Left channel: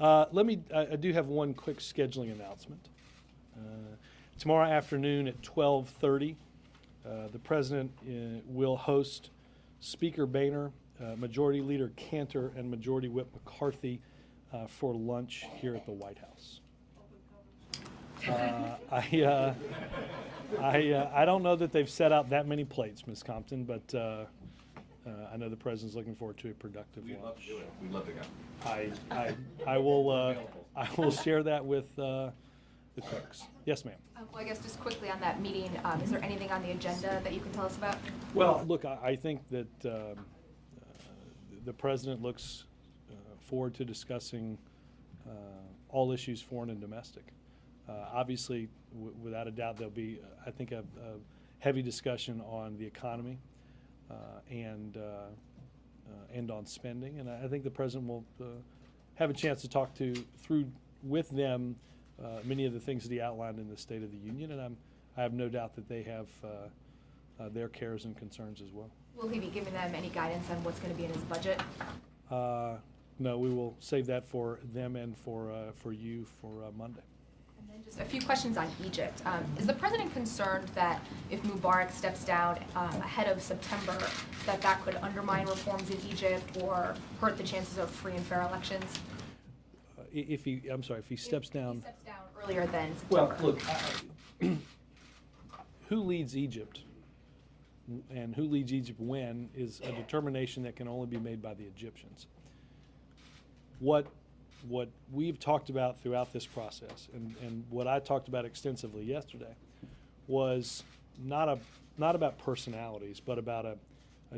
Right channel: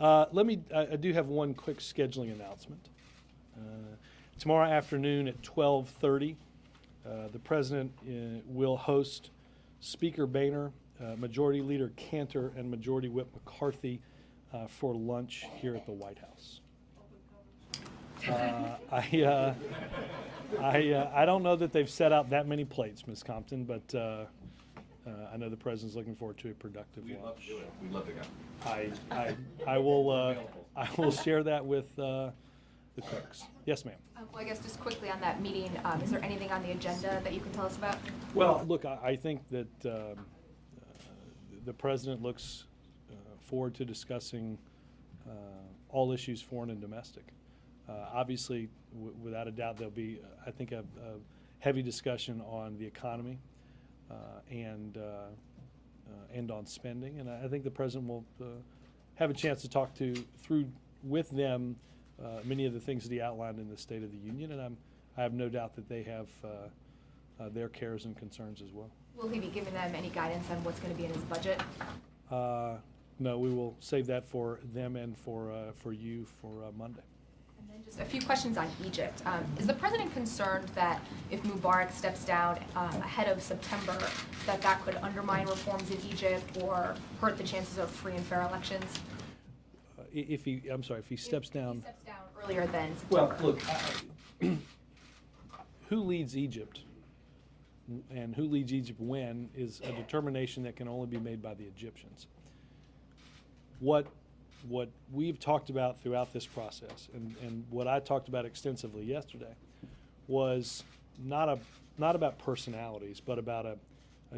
I do have one quick scheduling announcement. Tomorrow afternoon at 12:30, the President will host Speaker Boehner, Majority Leader Cantor, and Majority Whip McCarthy for lunch here at the White House. I don't know that they've set out that many plates, Ms. Compton, but I know the President's looking forward to a productive lunch. We'd love to go. I will share that with the clerks. Yes, ma'am. Well, I guess just quickly on that meeting, is there anything on the agenda that you can tell us about? Well, look, I think that the President looks forward to discussing all issues, foreign and domestic. Obviously, without a doubt, there'll be, I think, a heavy discussion on the economy and on spending. And I think the President will have a chance to talk through with them many of the things that he outlined in the State of the Union. And I have no doubt that they have their cares and concerns as well. Will he be giving them any guidance on what's going to be in his budget? No, we will save that for them and for you for Monday. And then just a few questions on Egypt. Is the President concerned that if Mubarak steps down ahead of September, that could undermine reforms in Egypt or hurt the chances of free and fair elections? If he steps down. If he steps down earlier than September. Well, look, who leads Egypt and who leads Egypt when is a determination that can only be made by the Egyptians. What we've talked about throughout this process, and what I talked about extensively yesterday, was not about personalities, but about a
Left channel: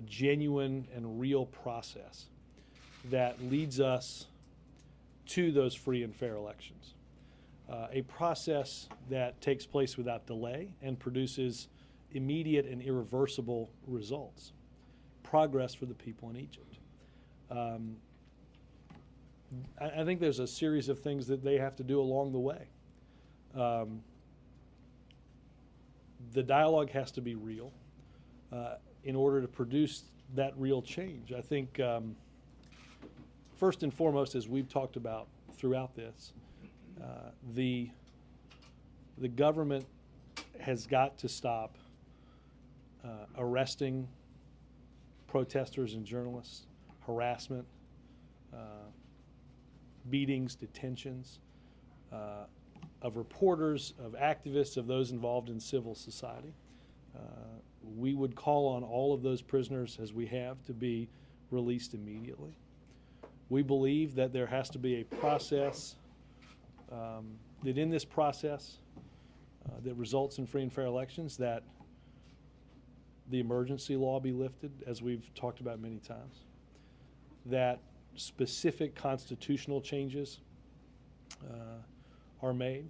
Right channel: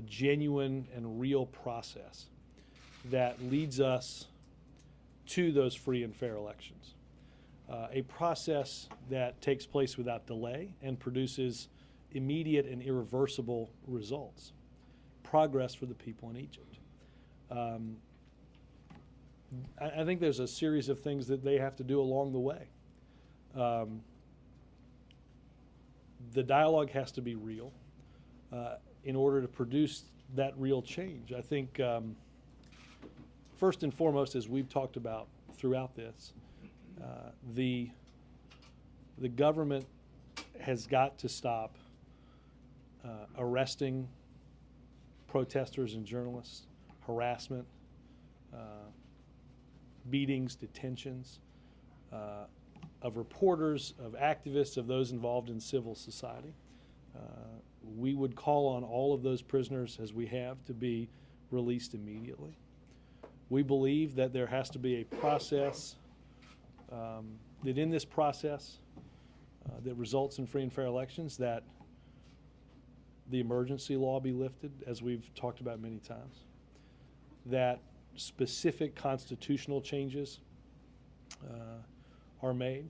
genuine and real process that leads us to those free and fair elections. A process that takes place without delay and produces immediate and irreversible results. Progress for the people in Egypt. I think there's a series of things that they have to do along the way. The dialogue has to be real in order to produce that real change. I think first and foremost, as we've talked about throughout this, the government has got to stop arresting protesters and journalists, harassment, beatings, detentions of reporters, of activists, of those involved in civil society. We would call on all of those prisoners, as we have, to be released immediately. We believe that there has to be a process, that in this process that results in free and fair elections, that the emergency law be lifted, as we've talked about many times, that specific constitutional changes are made,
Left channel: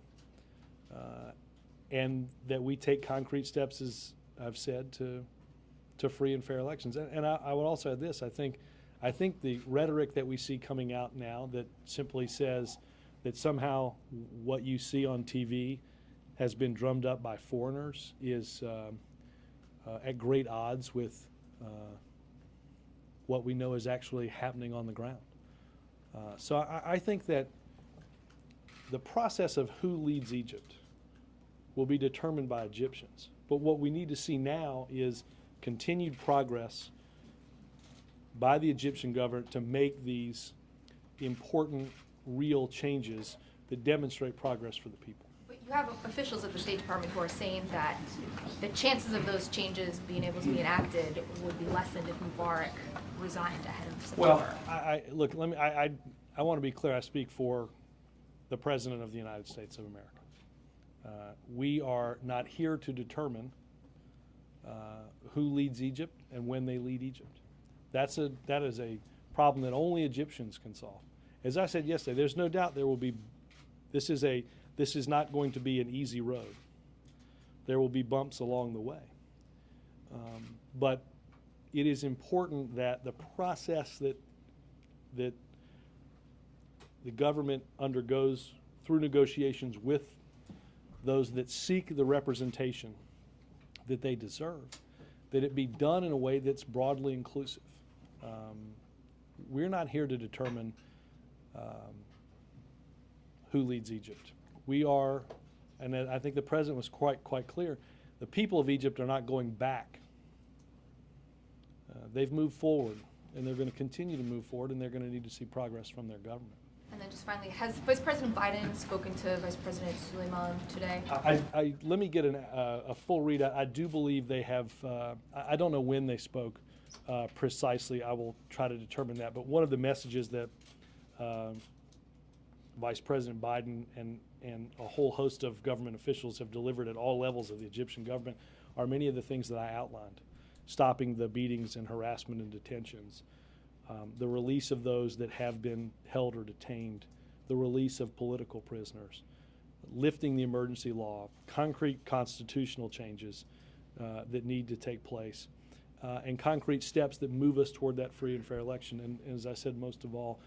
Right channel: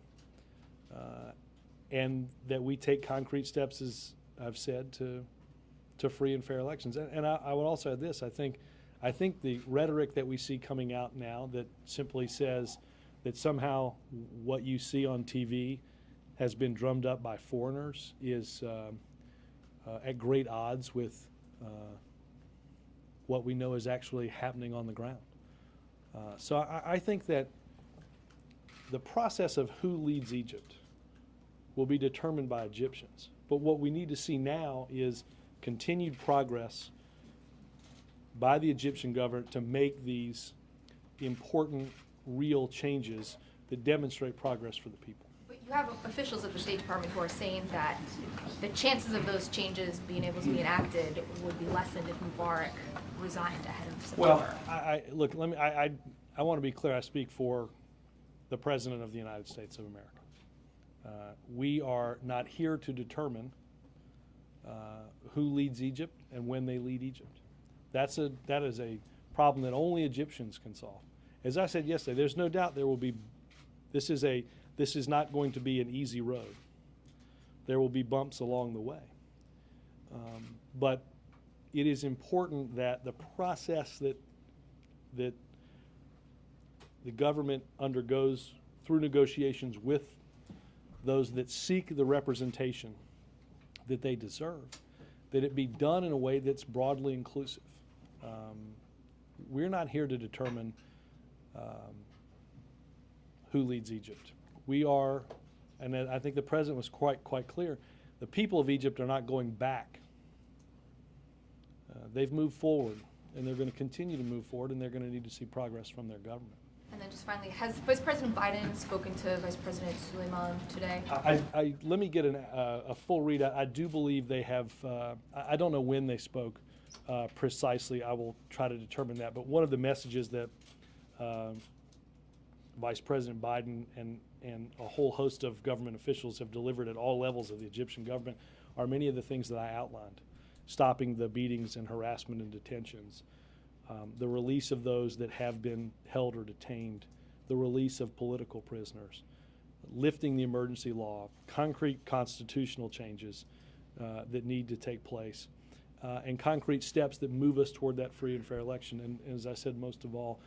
and that we take concrete steps, as I've said, to free and fair elections. And I would also add this: I think the rhetoric that we see coming out now that simply says that somehow what you see on TV has been drummed up by foreigners is at great odds with what we know is actually happening on the ground. So I think that the process of who leads Egypt will be determined by Egyptians. But what we need to see now is continued progress by the Egyptian government to make these important, real changes that demonstrate progress for the people. But you have officials at the State Department who are saying that the chances of those changes being able to be enacted would be lessened if Mubarak resigned ahead of September. Well, I want to be clear. I speak for the President of the United States of America. We are not here to determine who leads Egypt and when they lead Egypt. That is a problem that only Egyptians can solve. As I said yesterday, there's no doubt there will be. This is not going to be an easy road. There will be bumps along the way, but it is important that the process that the government undergoes through negotiations with those that seek the representation that they deserve, that it be done in a way that's broadly inclusive. We're not here to determine who leads Egypt. We are, and I think the president was quite clear, the people of Egypt are not going back. They've moved forward, and they're going to continue to move forward, and they're going to need to see progress from their government. And then just finally, has Vice President Biden spoken to Vice President Suleiman today? Let me get a full read. I do believe they have, I don't know when they spoke precisely. I will try to determine that. But one of the messages that Vice President Biden and a whole host of government officials have delivered at all levels of the Egyptian government are many of the things that I outlined. Stopping the beatings and harassment and detentions, the release of those that have been held or detained, the release of political prisoners, lifting the emergency law, concrete constitutional changes that need to take place, and concrete steps that move us toward that free and fair election. And as I said, most of all,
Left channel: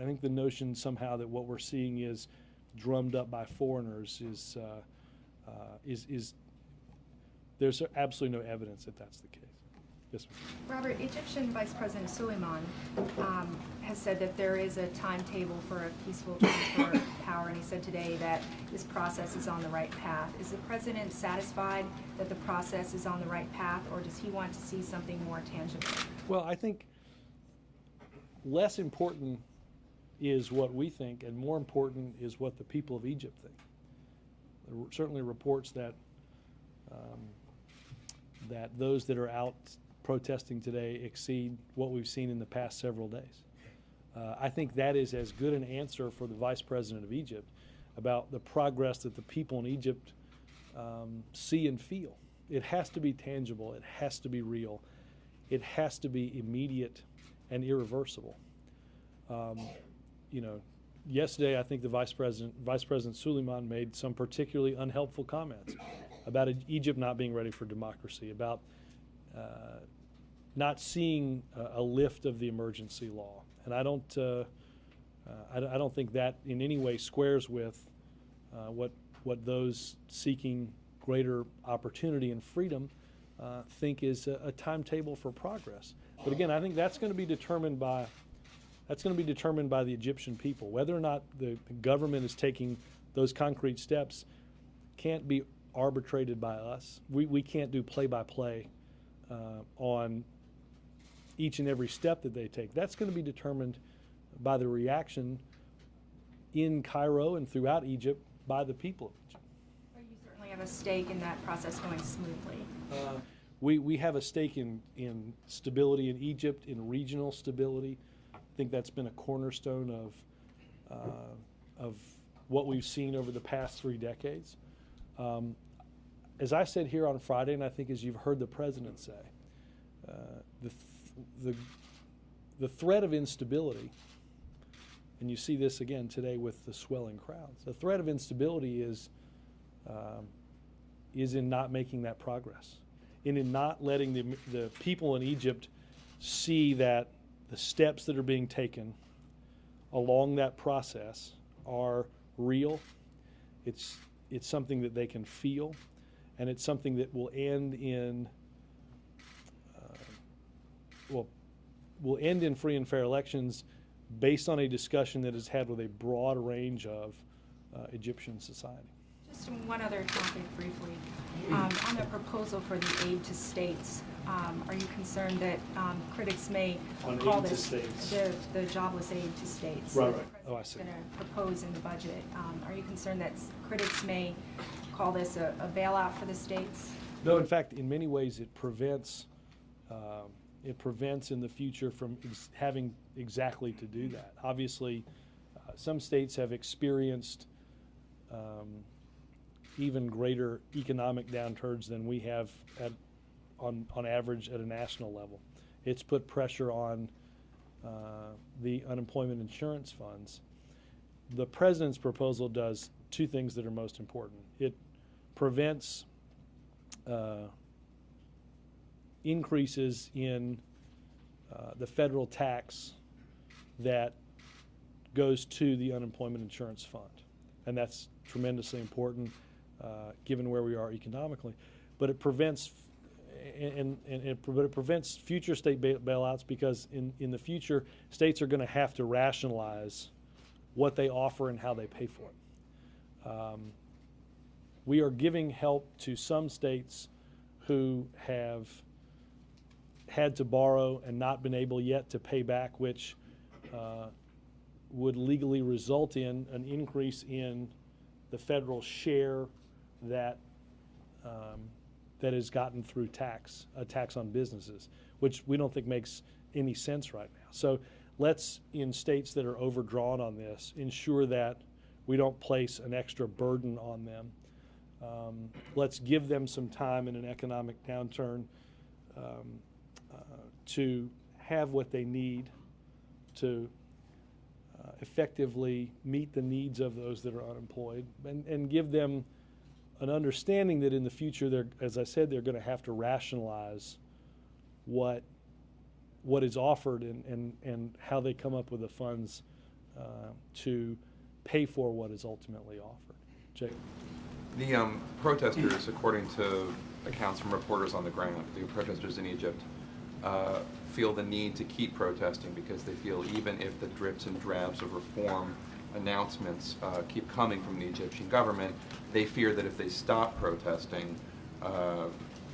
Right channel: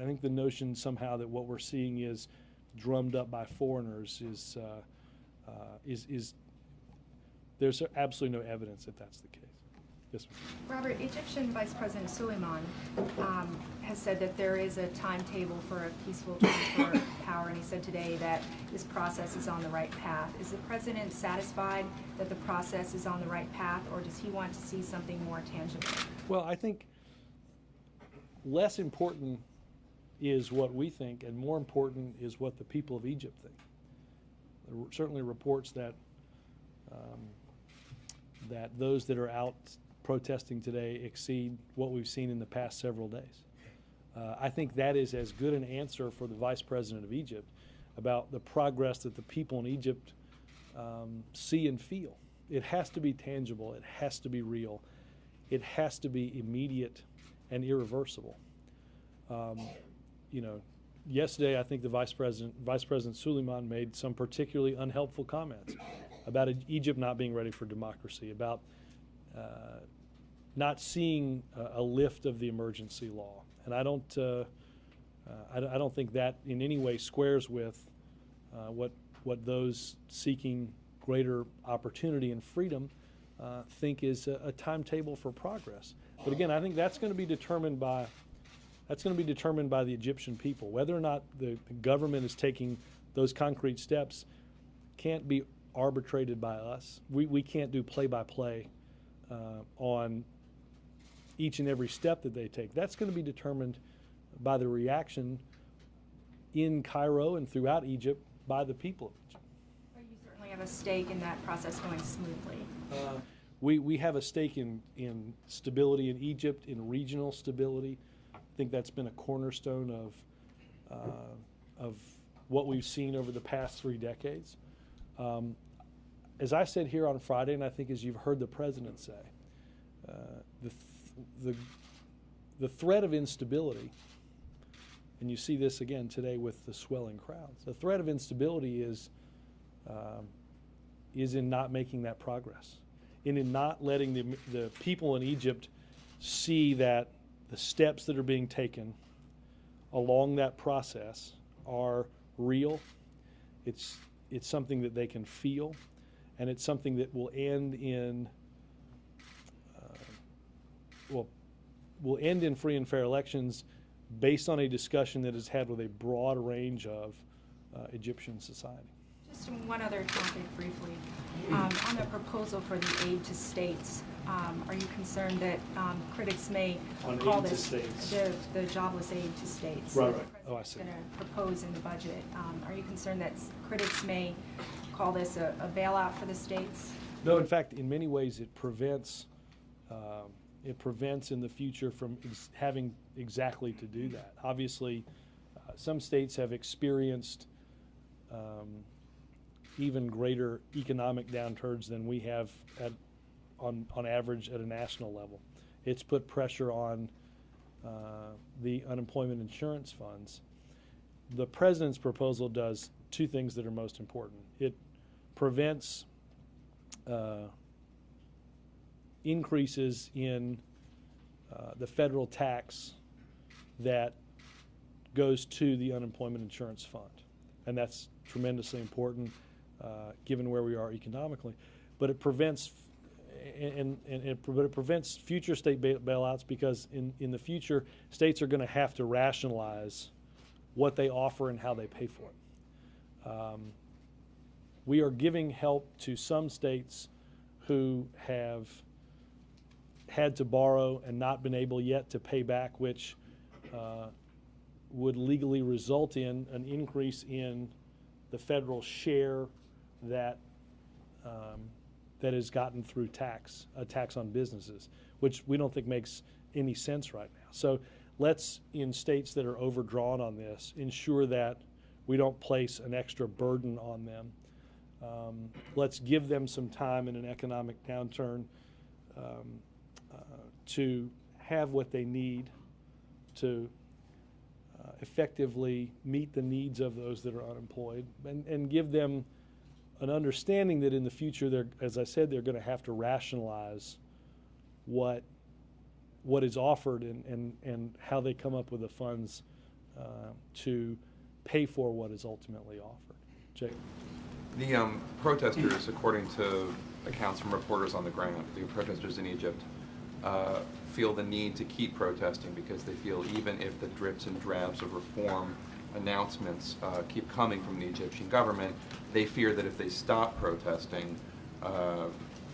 I think the notion somehow that what we're seeing is drummed up by foreigners is there's absolutely no evidence that that's the case. Yes, ma'am. Robert, Egyptian Vice President Suleiman has said that there is a timetable for a peaceful transfer of power, and he said today that this process is on the right path. Is the president satisfied that the process is on the right path, or does he want to see something more tangible? Well, I think less important is what we think, and more important is what the people of Egypt think. There are certainly reports that that those that are out protesting today exceed what we've seen in the past several days. I think that is as good an answer for the Vice President of Egypt about the progress that the people in Egypt see and feel. It has to be tangible. It has to be real. It has to be immediate and irreversible. Yesterday I think the Vice President Suleiman made some particularly unhelpful comments about Egypt not being ready for democracy, about not seeing a lift of the emergency law, and I don't think that in any way squares with what those seeking greater opportunity and freedom think is a timetable for progress. But again, I think that's going to be determined by the Egyptian people. Whether or not the government is taking those concrete steps can't be arbitrated by us. We can't do play-by-play on each and every step that they take. That's going to be determined by the reaction in Cairo and throughout Egypt by the people of Egypt. Well, you certainly have a stake in that process going smoothly. We have a stake in stability in Egypt, in regional stability. I think that's been a cornerstone of what we've seen over the past 3 decades. As I said here on Friday, and I think as you've heard the president say, the threat of instability, and you see this again today with the swelling crowds, the threat of instability is in not making that progress, and in not letting the people in Egypt see that the steps that are being taken along that process are real. It's something that they can feel, and it's something that will end in free and fair elections based on a discussion that is had with a broad range of Egyptian society. Just one other topic briefly. On the proposal for the aid to states, are you concerned that critics may call this the jobless aid to states? Right. Oh, I see. Going to propose in the budget. Are you concerned that critics may call this a bailout for the states? No, in fact, in many ways it prevents in the future from having exactly to do that. Obviously, some states have experienced even greater economic downturns than we have on average at a national level. It's put pressure on the unemployment insurance funds. The president's proposal does 2 things that are most important. It prevents increases in the federal tax that goes to the unemployment insurance fund, and that's tremendously important given where we are economically. But it prevents it prevents future state bailouts, because in the future states are going to have to rationalize what they offer and how they pay for it. We are giving help to some states who have had to borrow and not been able yet to pay back, which would legally result in an increase in the federal share that that is gotten through a tax on businesses, which we don't think makes any sense right now. So let's, in states that are overdrawn on this, ensure that we don't place an extra burden on them. Let's give them some time in an economic downturn to have what they need to effectively meet the needs of those that are unemployed, and give them an understanding that in the future, as I said, they're going to have to rationalize what is offered and how they come up with the funds to pay for what is ultimately offered. Jake? The protesters, according to accounts from reporters on the ground, the protesters in Egypt, feel the need to keep protesting because they feel even if the drips and drabs of reform announcements keep coming from the Egyptian government, they fear that if they stop protesting,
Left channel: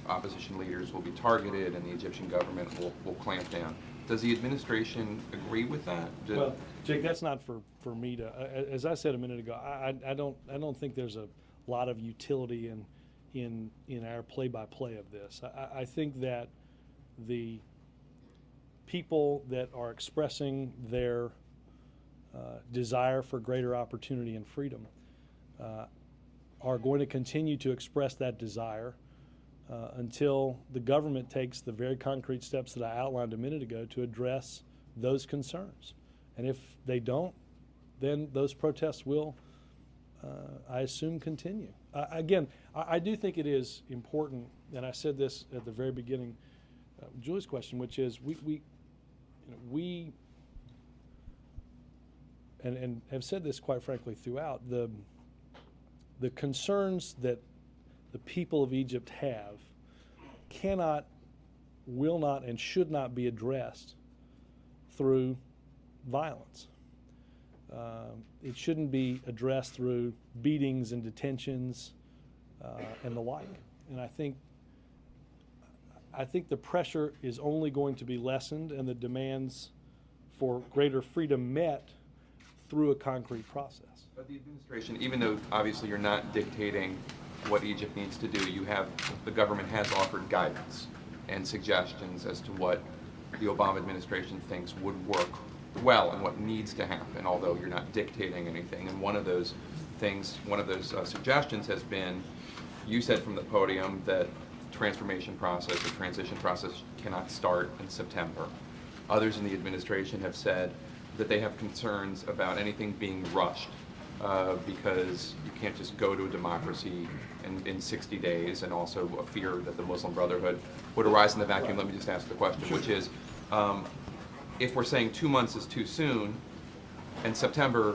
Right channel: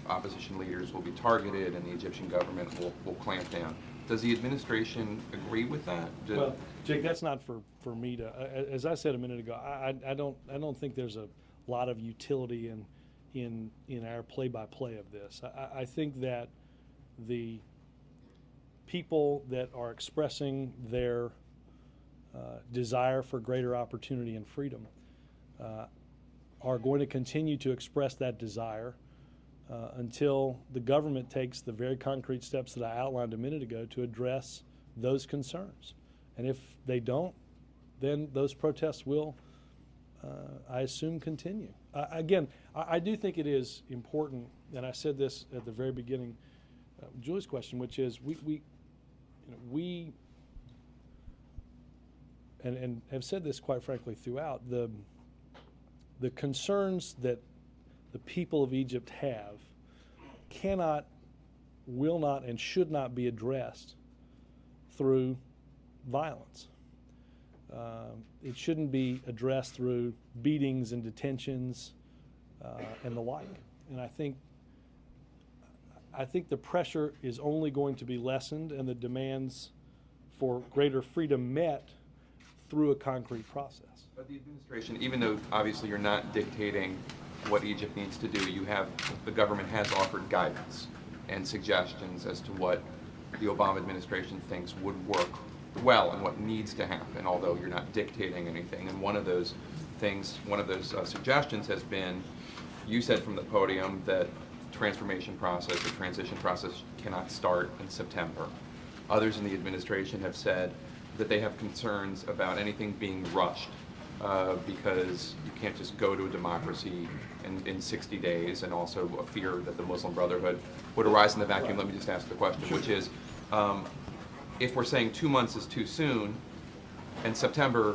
opposition leaders will be targeted and the Egyptian government will clamp down. Does the administration agree with that? Well, Jake, that's not for me to. As I said a minute ago, I don't think there's a lot of utility in our play-by-play of this. I think that the people that are expressing their desire for greater opportunity and freedom are going to continue to express that desire until the government takes the very concrete steps that I outlined a minute ago to address those concerns. And if they don't, then those protests will, I assume, continue. Again, I do think it is important, and I said this at the very beginning, Julie's question, which is we and have said this quite frankly throughout, the concerns that the people of Egypt have cannot, will not, and should not be addressed through violence. It shouldn't be addressed through beatings and detentions and the like. And I think the pressure is only going to be lessened and the demands for greater freedom met through a concrete process. But the administration, even though obviously you're not dictating what Egypt needs to do, the government has offered guidance and suggestions as to what the Obama administration thinks would work well and what needs to happen, although you're not dictating anything. And one of those suggestions has been, you said from the podium that transformation process or transition process cannot start in September. Others in the administration have said that they have concerns about anything being rushed because you can't just go to a democracy in 60 days, and also a fear that the Muslim Brotherhood would arise in the vacuum. Let me just ask the question, which is, if we're saying 2 months is too soon and September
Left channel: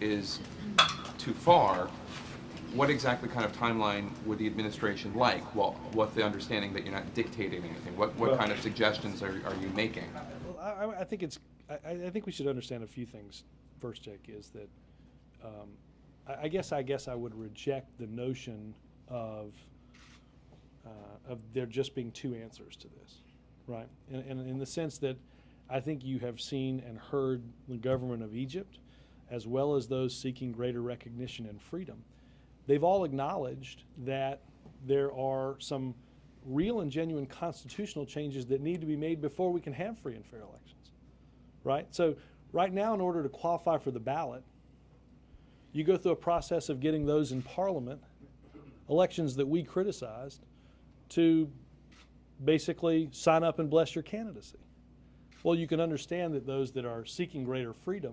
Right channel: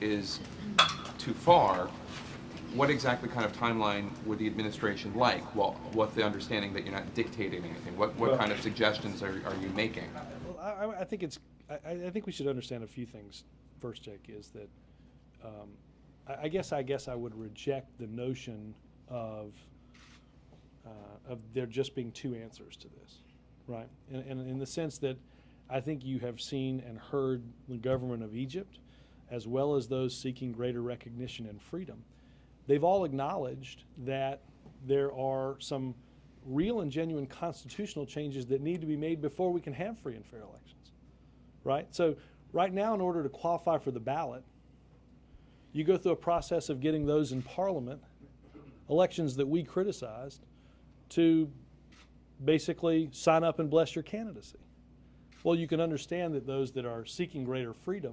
is too far, what exactly kind of timeline would the administration like? Well, what's the understanding that you're not dictating anything? What kind of suggestions are you making? Well, I think we should understand a few things. First, Jake, is that I guess I would reject the notion of there just being two answers to this, right? And in the sense that I think you have seen and heard the government of Egypt, as well as those seeking greater recognition and freedom, they've all acknowledged that there are some real and genuine constitutional changes that need to be made before we can have free and fair elections, right? So right now, in order to qualify for the ballot, you go through a process of getting those in Parliament, elections that we criticized, to basically sign up and bless your candidacy. Well, you can understand that those that are seeking greater freedom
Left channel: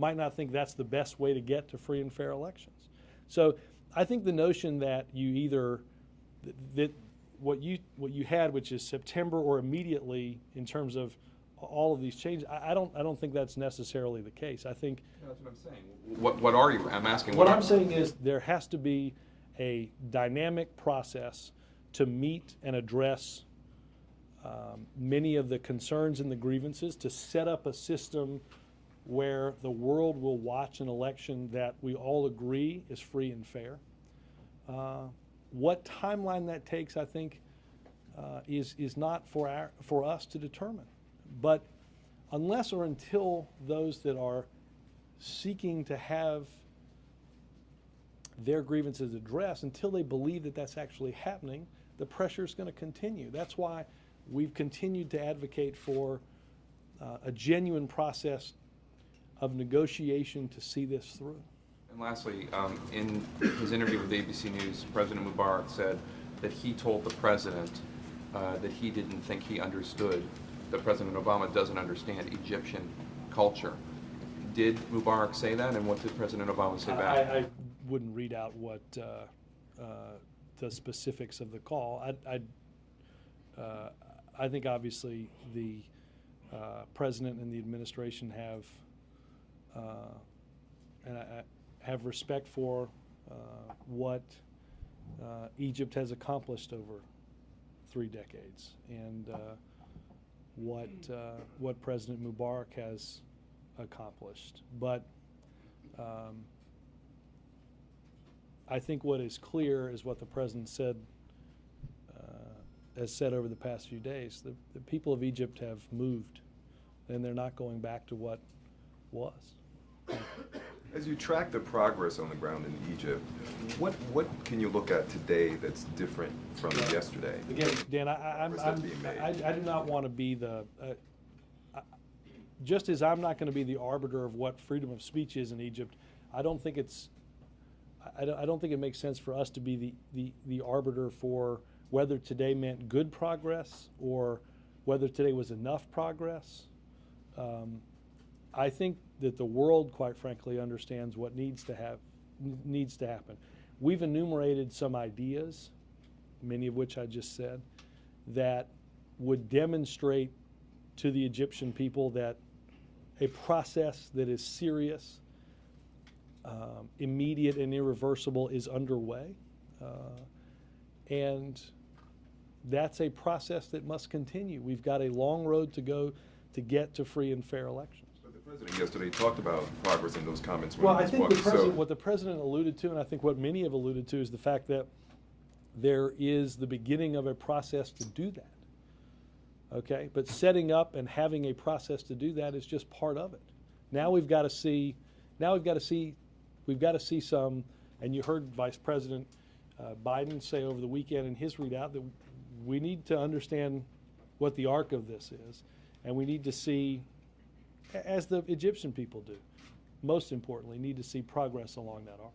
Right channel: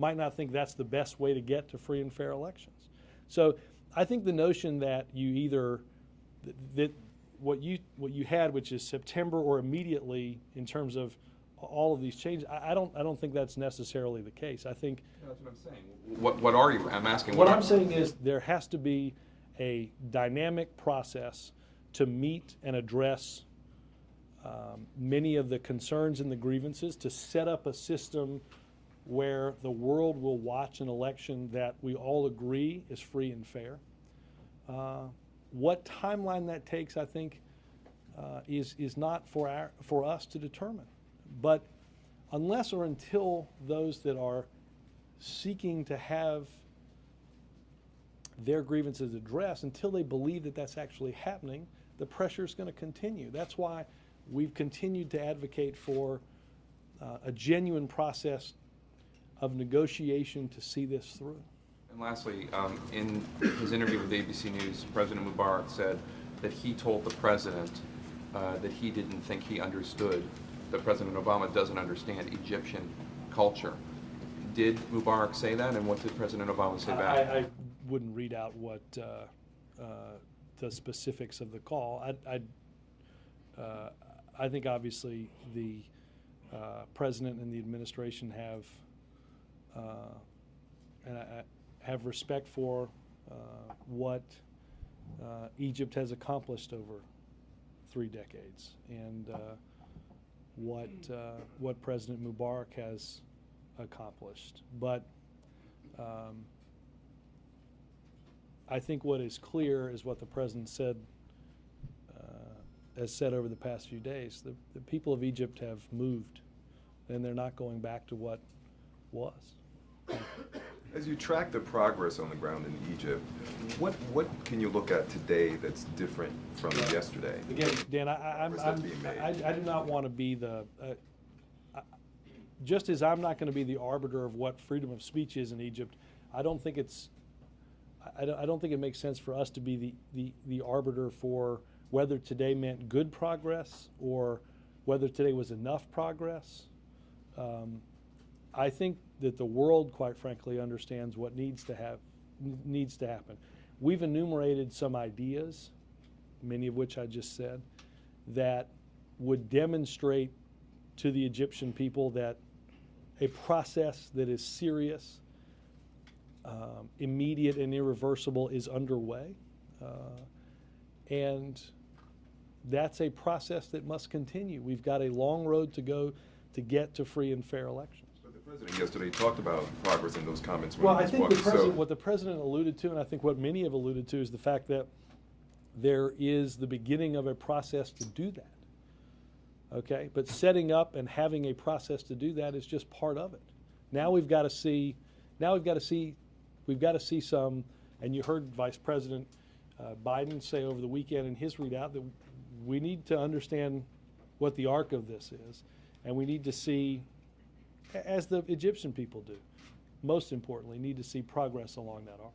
might not think that's the best way to get to free and fair elections. So I think the notion that you either that what you had, which is September or immediately in terms of all of these changes, I don't think that's necessarily the case. I think that's what I'm saying. What are you? I'm asking. What I'm saying is there has to be a dynamic process to meet and address many of the concerns and the grievances, to set up a system where the world will watch an election that we all agree is free and fair. What timeline that takes, I think, is not for us to determine. But unless or until those that are seeking to have their grievances addressed, until they believe that that's actually happening, the pressure is going to continue. That's why we've continued to advocate for a genuine process of negotiation to see this through. And lastly, in his interview with ABC News, President Mubarak said that he told the president that he didn't think he understood, that President Obama doesn't understand Egyptian culture. Did Mubarak say that, and what did President Obama say back? I wouldn't read out what the specifics of the call. I think obviously the president and the administration have respect for what Egypt has accomplished over 3 decades, and what President Mubarak has accomplished. But I think what is clear is what the president has said over the past few days. The people of Egypt have moved, and they're not going back to what was. As you track the progress on the ground in Egypt, what can you look at today that's different from yesterday? Again, Dan, Progress being made. I do not want to be the just as I'm not going to be the arbiter of what freedom of speech is in Egypt. I don't think it makes sense for us to be the arbiter for whether today meant good progress or whether today was enough progress. I think that the world, quite frankly, understands what needs to happen. We've enumerated some ideas, many of which I just said, that would demonstrate to the Egyptian people that a process that is serious, immediate, and irreversible is underway. And that's a process that must continue. We've got a long road to go to get to free and fair elections. But the president yesterday talked about progress in those comments. Well, I think what the president alluded to, and I think what many have alluded to, is the fact that there is the beginning of a process to do that. Okay, but setting up and having a process to do that is just part of it. Now we've got to see some, and you heard Vice President Biden say over the weekend in his readout that we need to understand what the arc of this is, and we need to see, as the Egyptian people do, most importantly, need to see progress along that arc.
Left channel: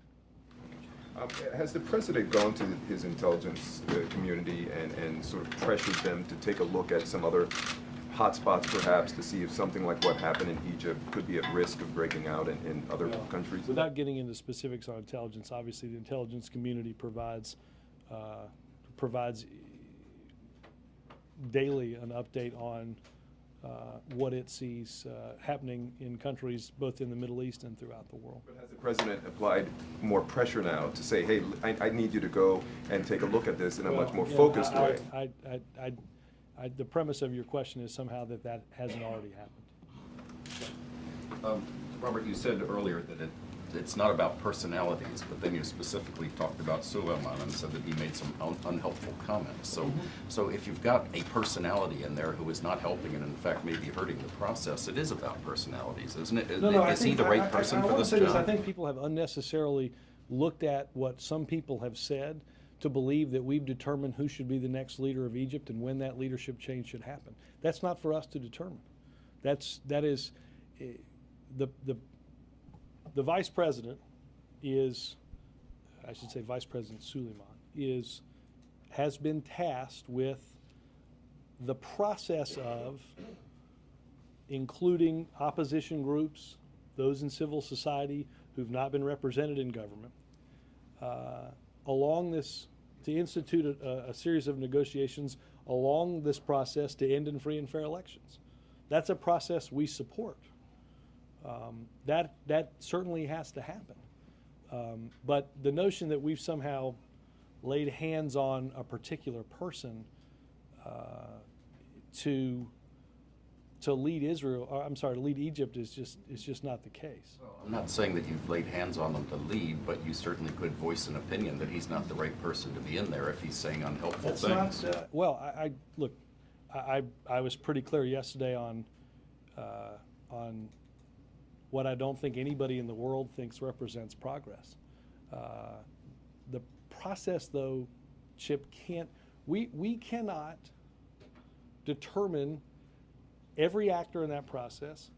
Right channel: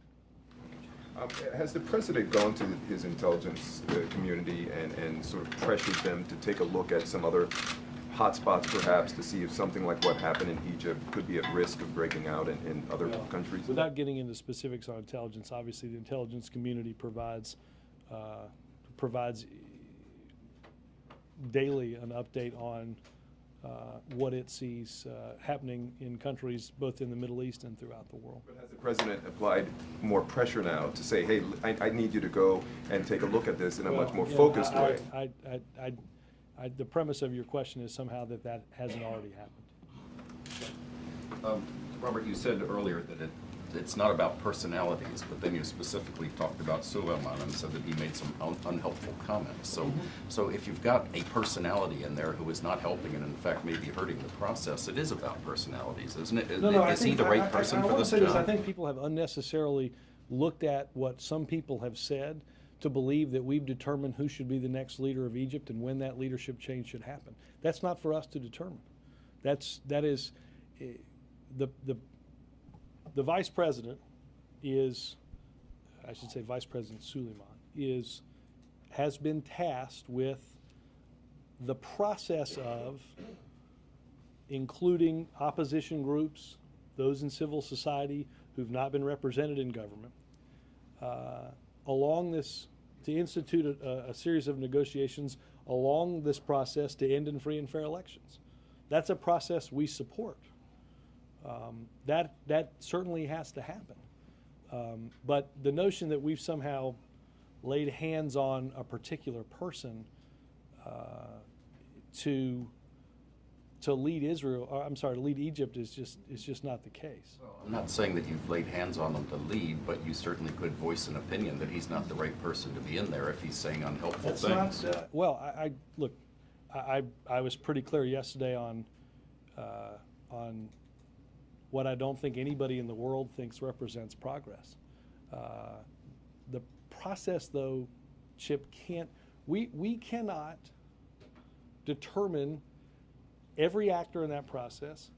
Has the president gone to his intelligence community and sort of pressured them to take a look at some other hotspots, perhaps, to see if something like what happened in Egypt could be at risk of breaking out in other countries? Without getting into specifics on intelligence, obviously the intelligence community provides daily an update on what it sees happening in countries both in the Middle East and throughout the world. But has the president applied more pressure now to say, hey, I need you to go and take a look at this in a much more focused way? The premise of your question is somehow that hasn't already happened. Robert, you said earlier that it's not about personalities, but then you specifically talked about Suleiman and said that he made some unhelpful comments. So if you've got a personality in there who is not helping and in fact maybe hurting the process, it is about personalities, isn't it? Is he the right person for this job? I think people have unnecessarily looked at what some people have said to believe that we've determined who should be the next leader of Egypt and when that leadership change should happen. That's not for us to determine. That is the vice president is, I should say Vice President Suleiman, has been tasked with the process of including opposition groups, those in civil society who've not been represented in government, to institute a series of negotiations along this process to end in free and fair elections. That's a process we support. That certainly has to happen. But the notion that we've somehow laid hands on a particular person to to lead Israel, or, I'm sorry, to lead Egypt is just not the case. I'm not saying that you've laid hands on him to lead, but you certainly could voice an opinion that he's not the right person to be in there if he's saying unhelpful things. Well, look, I was pretty clear yesterday on what I don't think anybody in the world thinks represents progress. The process, though, Chip, we cannot determine every actor in that process,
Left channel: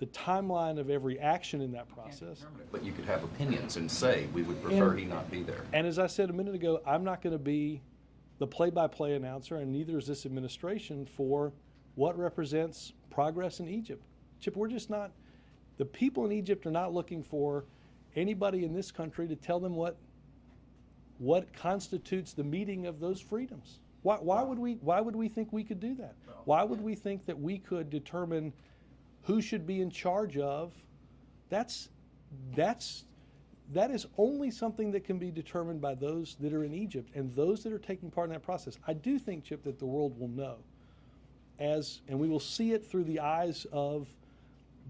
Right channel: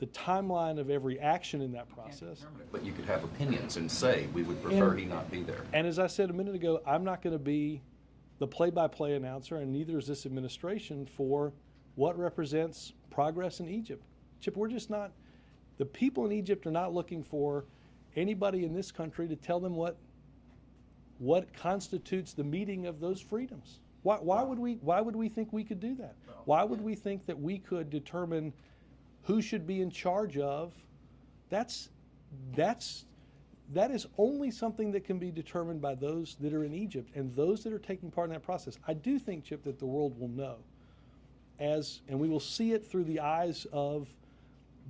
the timeline of every action in that process. But you could have opinions and say, we would prefer he not be there. And as I said a minute ago, I'm not going to be the play-by-play announcer, and neither is this administration, for what represents progress in Egypt. Chip, we're just not, the people in Egypt are not looking for anybody in this country to tell them what constitutes the meeting of those freedoms. Why would we think we could do that? Why would we think that we could determine who should be in charge of? That is only something that can be determined by those that are in Egypt and those that are taking part in that process. I do think, Chip, that the world will know, and we will see it through the eyes of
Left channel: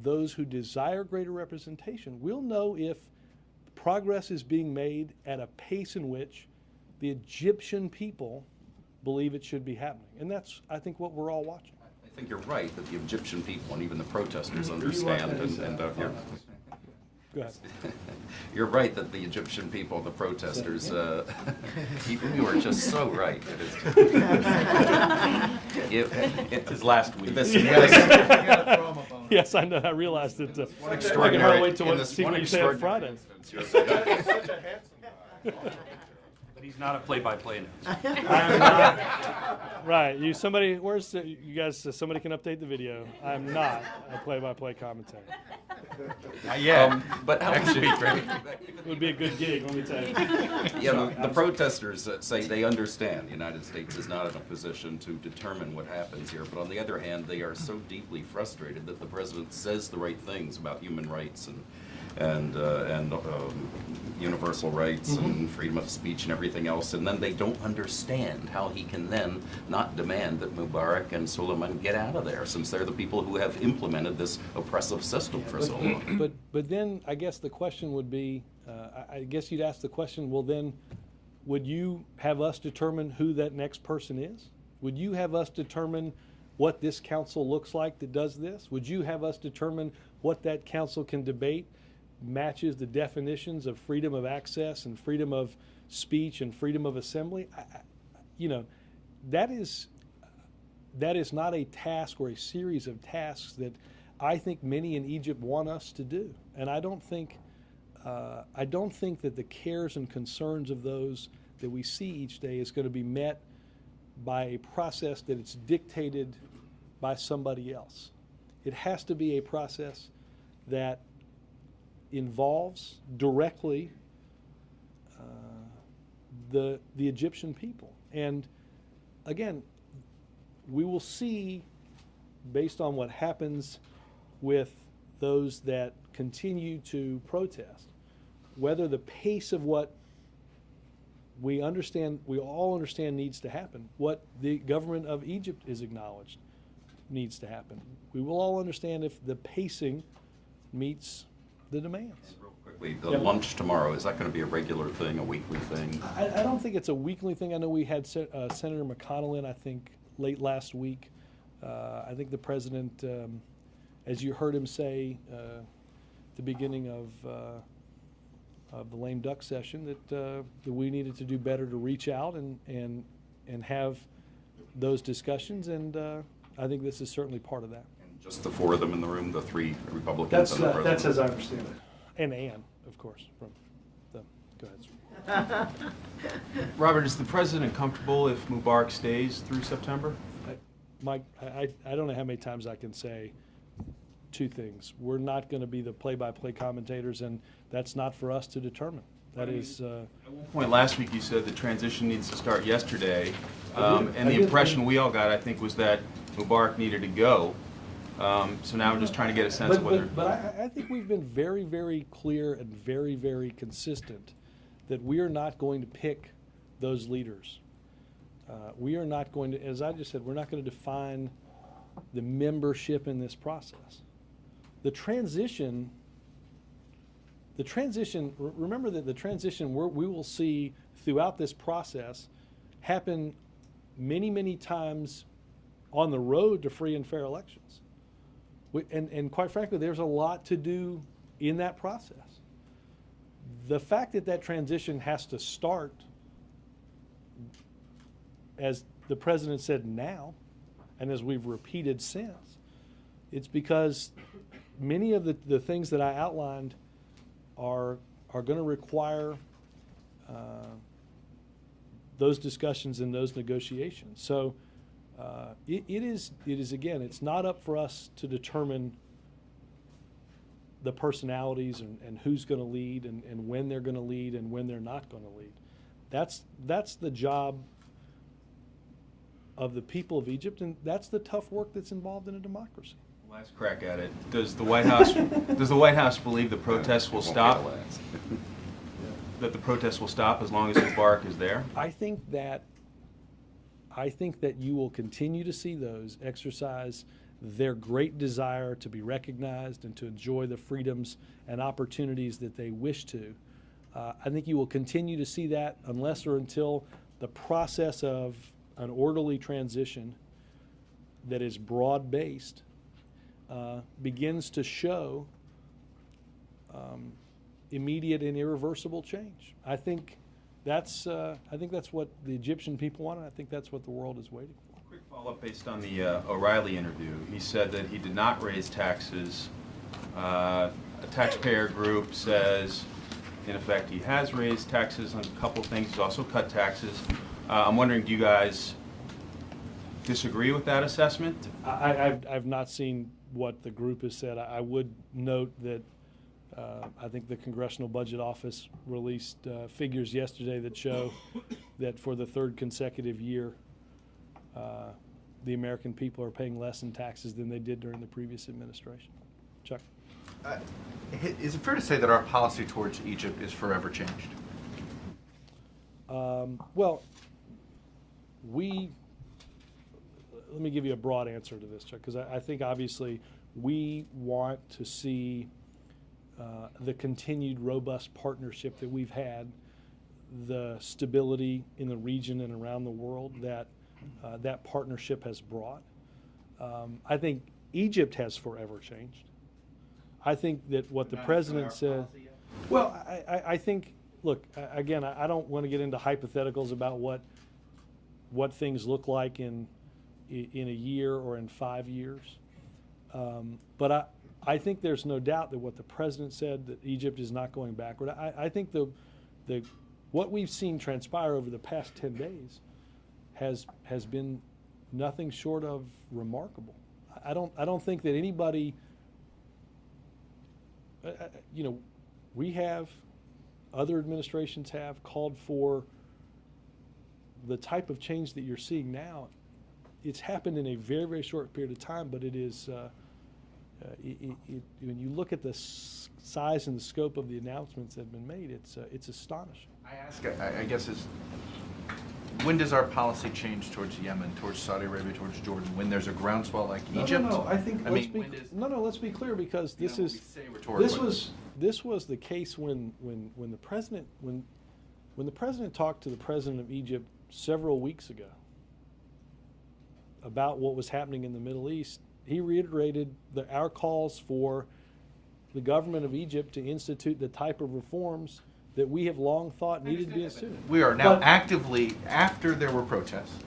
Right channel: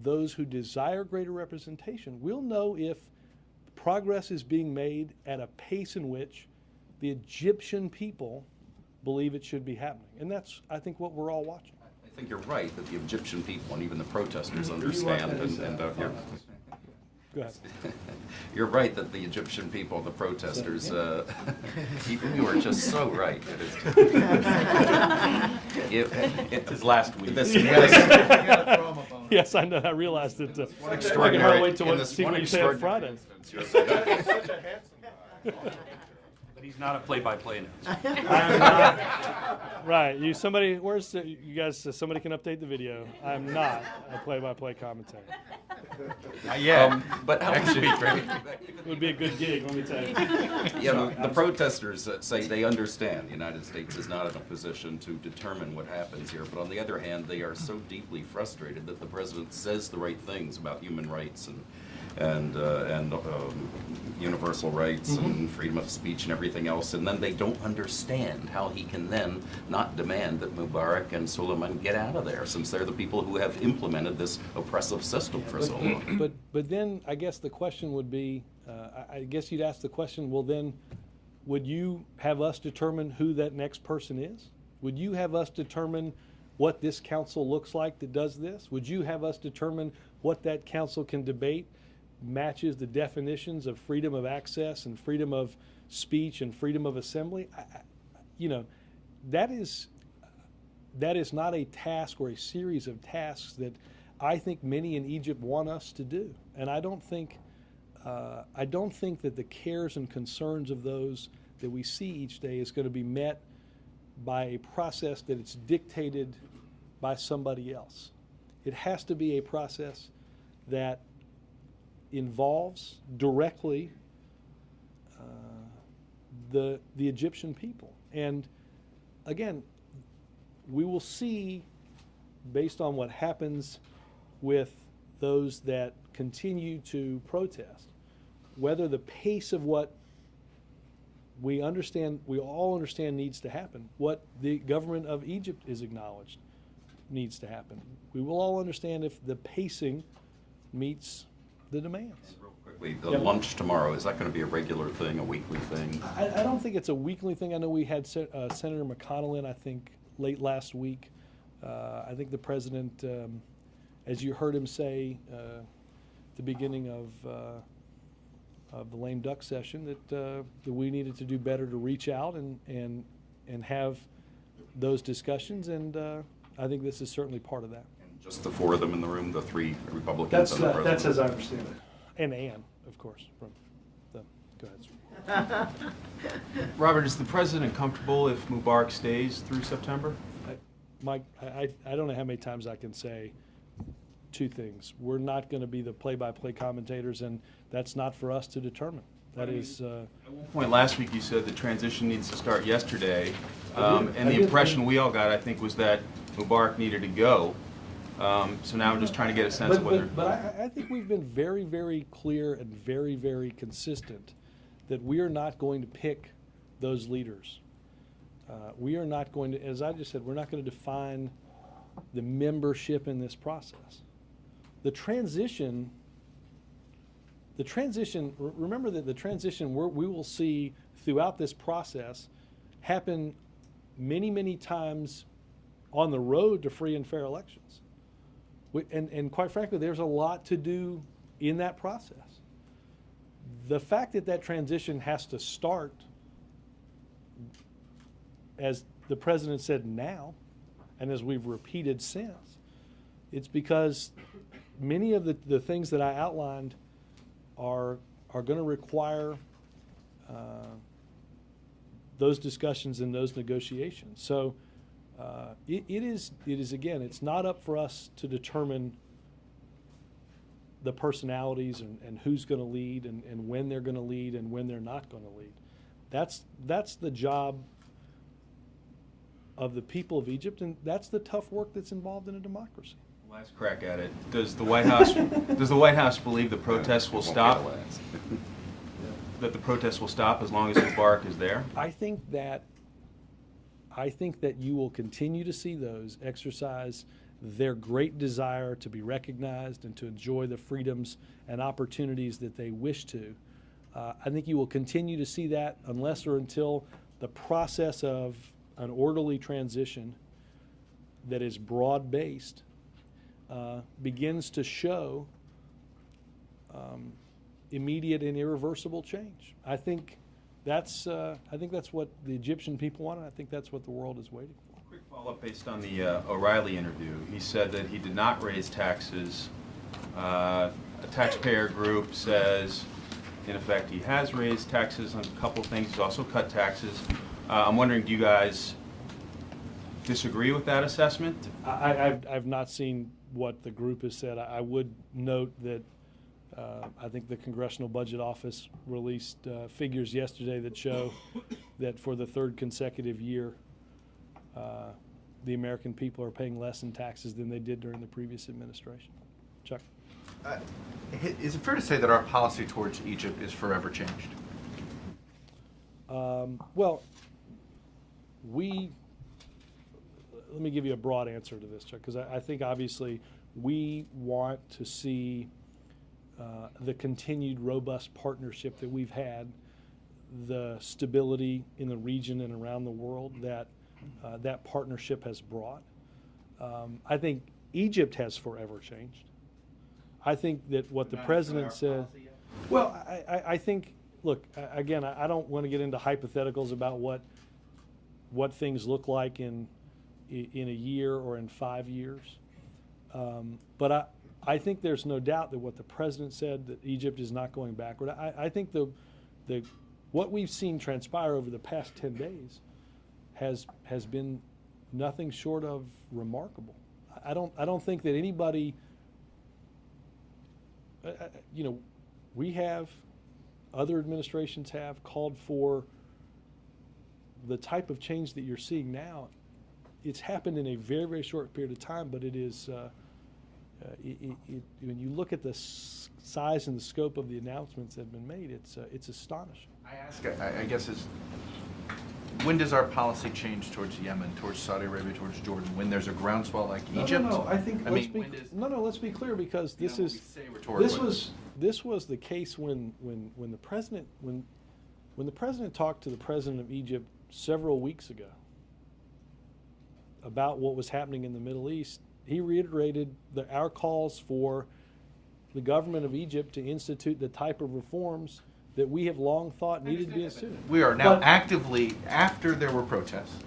those who desire greater representation. We'll know if progress is being made at a pace in which the Egyptian people believe it should be happening. And that's, I think, what we're all watching. I think you're right that the Egyptian people and even the protesters understand, Go ahead. you're right that the Egyptian people, the protesters, you are just so right. It's his last week. Yes, I know. I realized it. I can hardly extraordinary, wait to see what you say on Friday. But he's not a play-by-play announcer. Right. You guys, somebody can update the video. I'm not a play-by-play commentator. Yeah, but actually, It would be a good gig, let me tell you. Yeah, the protesters say they understand the United States is not in a position to determine what happens here, but on the other hand, they are so deeply frustrated that the president says the right things about human rights and universal rights and freedom of speech and everything else, and then they don't understand how he can then not demand that Mubarak and Suleiman get out of there, since they're the people who have implemented this oppressive system for so long. But then I guess the question would be, I guess you'd ask the question, well then, would you have us determine who that next person is? Would you have us determine what this council looks like that does this? Would you have us determine what that council can debate matches the definitions of freedom of access and freedom of speech and freedom of assembly? That is not a task or a series of tasks that I think many in Egypt want us to do. And I don't think that the cares and concerns of those that we see each day is going to be met by a process that it's dictated by somebody else. It has to be a process that involves directly the Egyptian people. And again, we will see, based on what happens with those that continue to protest, whether the pace of what we all understand needs to happen, what the government of Egypt is acknowledged needs to happen. We will all understand if the pacing meets the demands. Real quickly, the lunch tomorrow, is that going to be a regular thing, a weekly thing? I don't think it's a weekly thing. I know we had Senator McConnell in, I think, late last week. I think the president, as you heard him say at the beginning of the lame duck session, that we needed to do better to reach out and have those discussions, and I think this is certainly part of that. Just the four of them in the room, the three Republicans and the president? That's as I understand it. And Ann, of course, from the, go ahead. Robert, is the president comfortable if Mubarak stays through September? Mike, I don't know how many times I can say two things. We're not going to be the play-by-play commentators, and that's not for us to determine. That is... At one point last week you said the transition needs to start yesterday, and the impression we all got, I think, was that Mubarak needed to go. So now I'm just trying to get a sense of whether... But I think we've been very, very clear and very, very consistent that we are not going to pick those leaders. We are not going to, as I just said, we're not going to define the membership in this process. The transition, remember that the transition we will see throughout this process happen many, many times on the road to free and fair elections. And quite frankly, there's a lot to do in that process. The fact that that transition has to start, as the president said now, and as we've repeated since, it's because many of the things that I outlined are going to require those discussions and those negotiations. So it is again, it's not up for us to determine the personalities and who's going to lead and when they're going to lead and when they're not going to lead. That's the job of the people of Egypt, and that's the tough work that's involved in a democracy. Last crack at it. Does the White House believe the protests will stop? That the protests will stop as long as Mubarak is there? I think that you will continue to see those exercise their great desire to be recognized and to enjoy the freedoms and opportunities that they wish to. I think you will continue to see that unless or until the process of an orderly transition that is broad-based begins to show immediate and irreversible change. I think that's what the Egyptian people want, and I think that's what the world is waiting for. Quick follow-up based on the O'Reilly interview. He said that he did not raise taxes. A taxpayer group says, in effect, he has raised taxes on a couple of things. He's also cut taxes. I'm wondering, do you guys disagree with that assessment? I've not seen what the group has said. I would note that I think the Congressional Budget Office released figures yesterday that show that for the third consecutive year, the American people are paying less in taxes than they did during the previous administration. Chuck? Is it fair to say that our policy towards Egypt is forever changed? Well, let me give you a broad answer to this, Chuck, because I think obviously we want to see the continued robust partnership that we've had, the stability in the region and around the world that that partnership has brought. I think Egypt has forever changed. I think that what the president said, well, I think, look, again, I don't want to get into hypotheticals about what things look like in a year or in 5 years. But I think there's no doubt that what the president said, that Egypt is not going backward. I think what we've seen transpire over the past 10 days has been nothing short of remarkable. I don't think that anybody, we have, other administrations have called for the type of change that you're seeing now. It's happened in a very, very short period of time, but it is, when you look at the size and the scope of the announcements that have been made, it's astonishing. I guess when does our policy change towards Yemen, towards Saudi Arabia, towards Jordan? When there's a groundswell like Egypt? No, I think let's be clear, because this was the case when the president talked to the president of Egypt several weeks ago about what was happening in the Middle East. He reiterated our calls for the government of Egypt to institute the type of reforms that we have long thought needed to be instituted. We are now actively, after there were protests,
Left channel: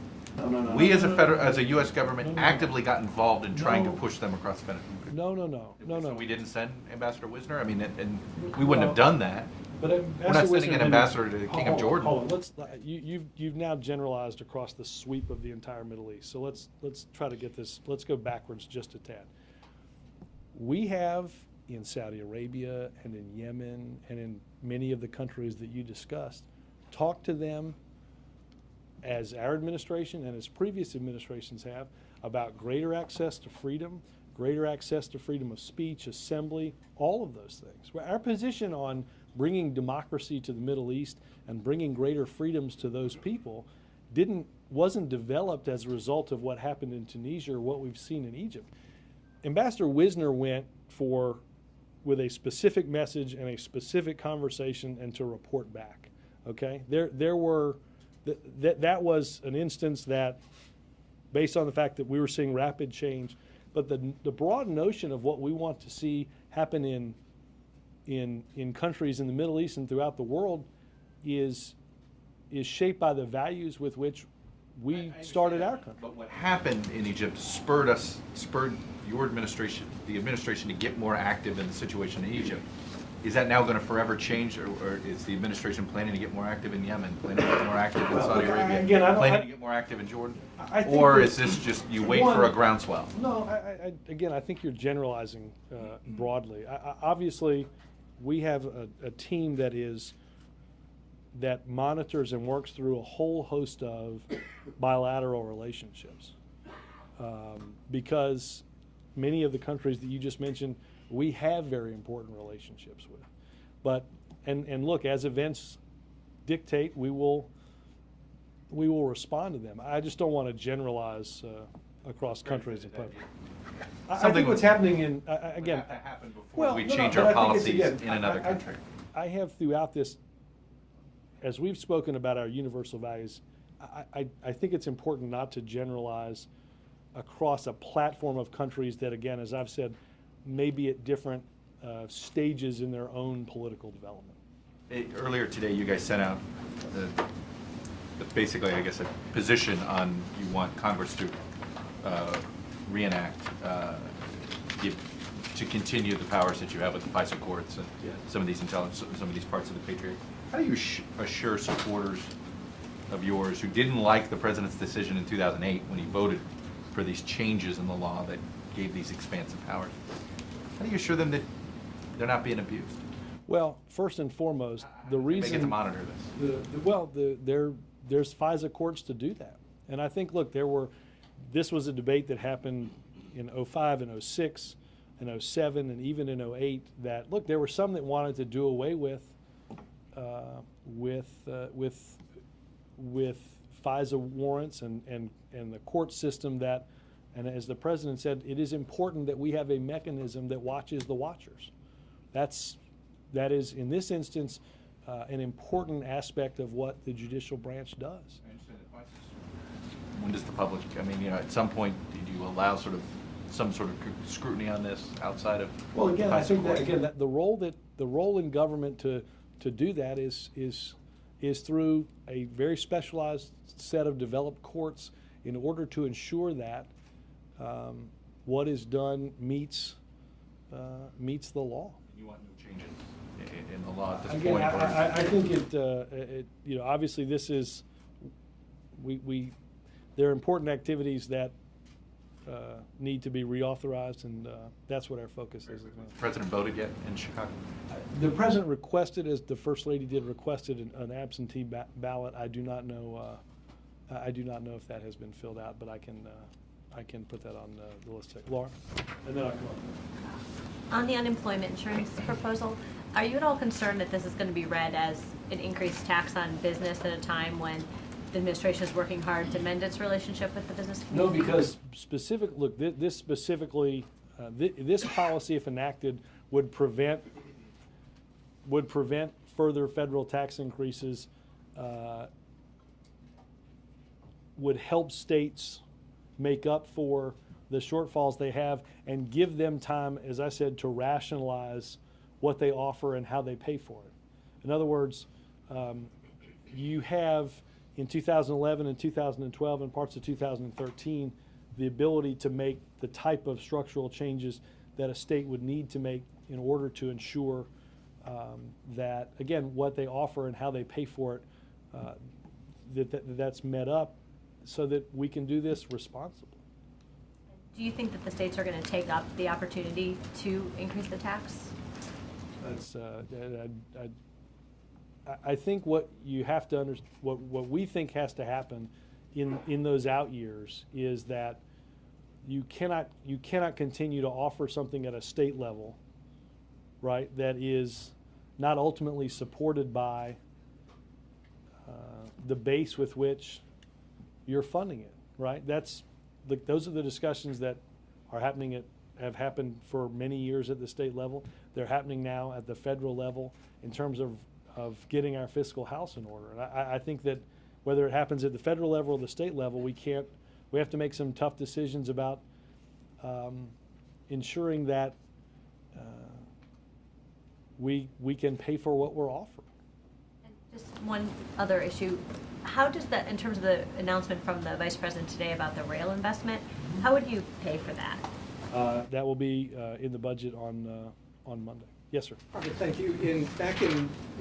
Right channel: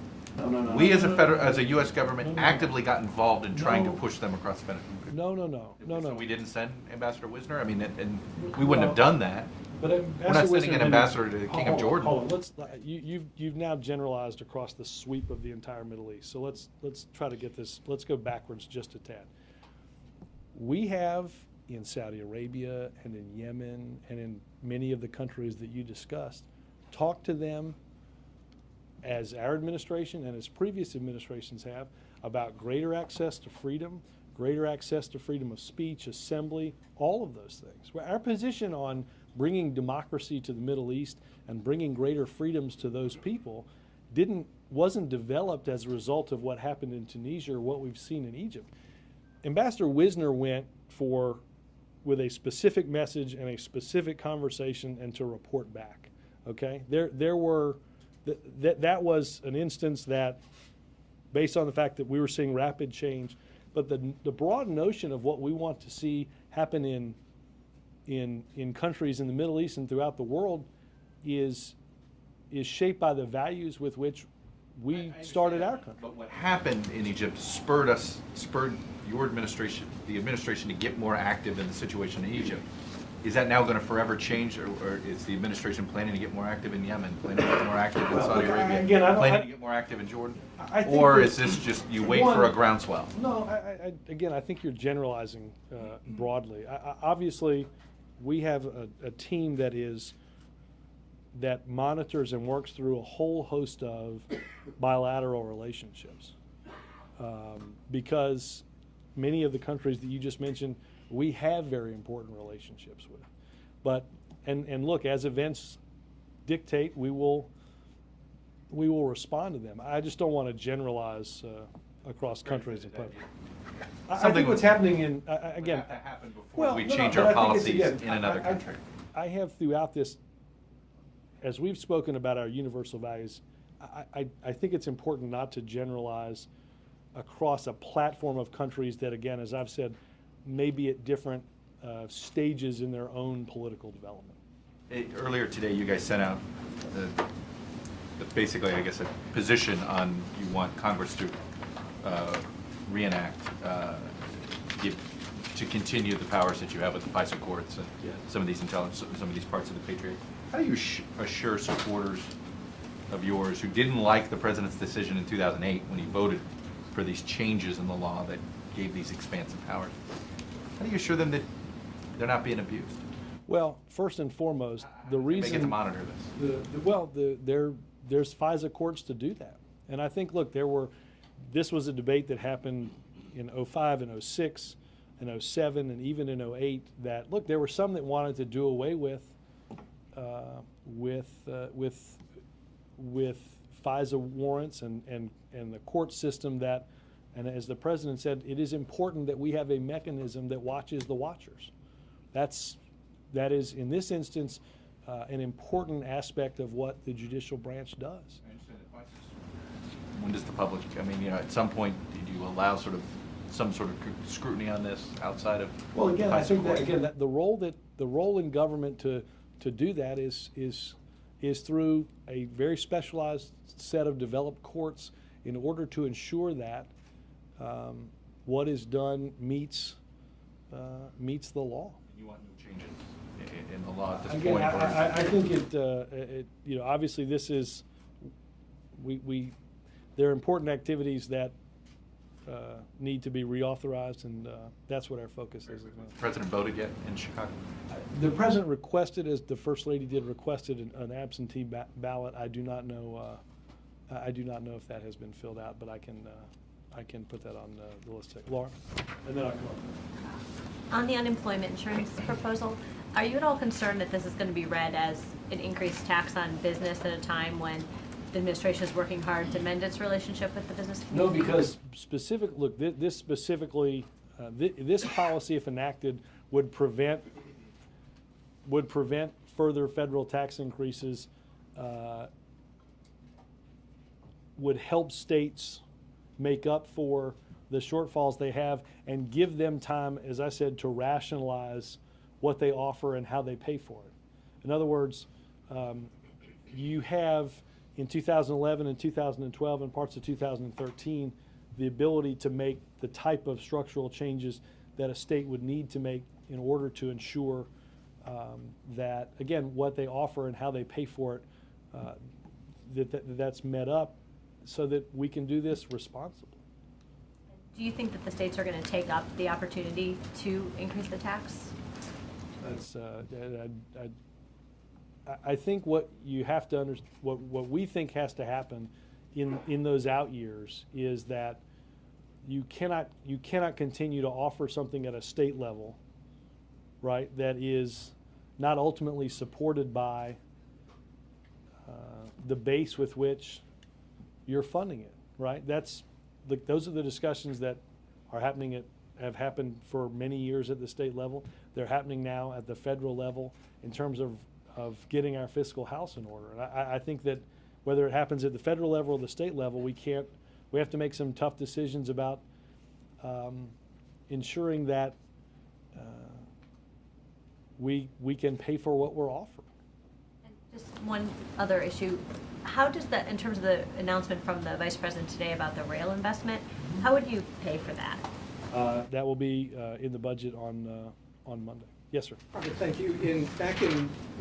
we as a U.S. government actively got involved in trying to push them across the finish line. No. So we didn't send Ambassador Wisner? I mean, and we wouldn't have done that. But we're not sending an ambassador to the King of Jordan. Hold on. You've now generalized across the sweep of the entire Middle East. So let's try to get this. Let's go backwards just a tad. We have in Saudi Arabia and in Yemen and in many of the countries that you discussed, talked to them, as our administration and as previous administrations have, about greater access to freedom, greater access to freedom of speech, assembly, all of those things. Well, our position on bringing democracy to the Middle East and bringing greater freedoms to those people wasn't developed as a result of what happened in Tunisia or what we've seen in Egypt. Ambassador Wisner went with a specific message and a specific conversation and to report back. Okay, that was an instance that, based on the fact that we were seeing rapid change, but the broad notion of what we want to see happen in countries in the Middle East and throughout the world is shaped by the values with which we started our country. But what happened in Egypt spurred your administration, the administration, to get more active in the situation in Egypt. Is that now going to forever change, or is the administration planning to get more active in Yemen, planning to get more active in Saudi Arabia, planning to get more active in Jordan? Or is this just you wait for a groundswell? No, I think you're generalizing broadly. Obviously, we have a team that monitors and works through a whole host of bilateral relationships, because many of the countries that you just mentioned, we have very important relationships with. But and look, as events dictate, we will respond to them. I just don't want to generalize across countries. I think what's happening in again. Have to happen before we change our policies in another country. I have throughout this, as we've spoken about our universal values, I think it's important not to generalize across a platform of countries that, again, as I've said, may be at different stages in their own political development. Earlier today, you guys sent out basically, I guess, a position on you want Congress to reenact, to continue the powers that you have with the FISA courts and some of these parts of the Patriot. How do you assure supporters of yours who didn't like the president's decision in 2008 when he voted for these changes in the law that gave these expansive powers? How do you assure them that they're not being abused? Well, first and foremost, the reason they get to monitor this. There's FISA courts to do that, and I think this was a debate that happened in 05 and 06 and 07 and even in 08. That there were some that wanted to do away with FISA warrants and the court system that, and as the president said, it is important that we have a mechanism that watches the watchers. That is in this instance an important aspect of what the judicial branch does. When does the public? I mean, at some point, did you allow some sort of scrutiny on this outside of? Well, again, I think that the role in government to do that is through a very specialized set of developed courts in order to ensure that what is done meets the law. You want no changes in the law at this Again, point? I think obviously this is there are important activities that need to be reauthorized, and that's what our focus is. The president voted yet in Chicago? The president requested, as the First Lady did, requested an absentee ballot. I do not know. I do not know if that has been filled out, but I can put that on the list. Laura, and then on the unemployment insurance proposal, are you at all concerned that this is going to be read as an increased tax on business at a time when the administration is working hard to mend its relationship with the business community? No, because this specifically, this policy, if enacted, would prevent further federal tax increases, would help states make up for the shortfalls they have and give them time, as I said, to rationalize what they offer and how they pay for it. In other words, you have in 2011 and 2012 and parts of 2013 the ability to make the type of structural changes that a state would need to make in order to ensure that, again, what they offer and how they pay for it, that's met up so that we can do this responsibly. Do you think that the states are going to take up the opportunity to increase the tax? I think what you have to understand, what we think has to happen in those out years is that you cannot continue to offer something at a state level, right, that is not ultimately supported by the base with which you're funding it, right? Those are the discussions that are happening have happened for many years at the state level. They're happening now at the federal level in terms of getting our fiscal house in order. And I think that whether it happens at the federal level or the state level, we have to make some tough decisions about ensuring that we can pay for what we're offering. And just one other issue. How does that, in terms of the announcement from the Vice President today about the rail investment, how would you pay for that? That will be in the budget on Monday. Yes, sir. Okay, thank you. Back in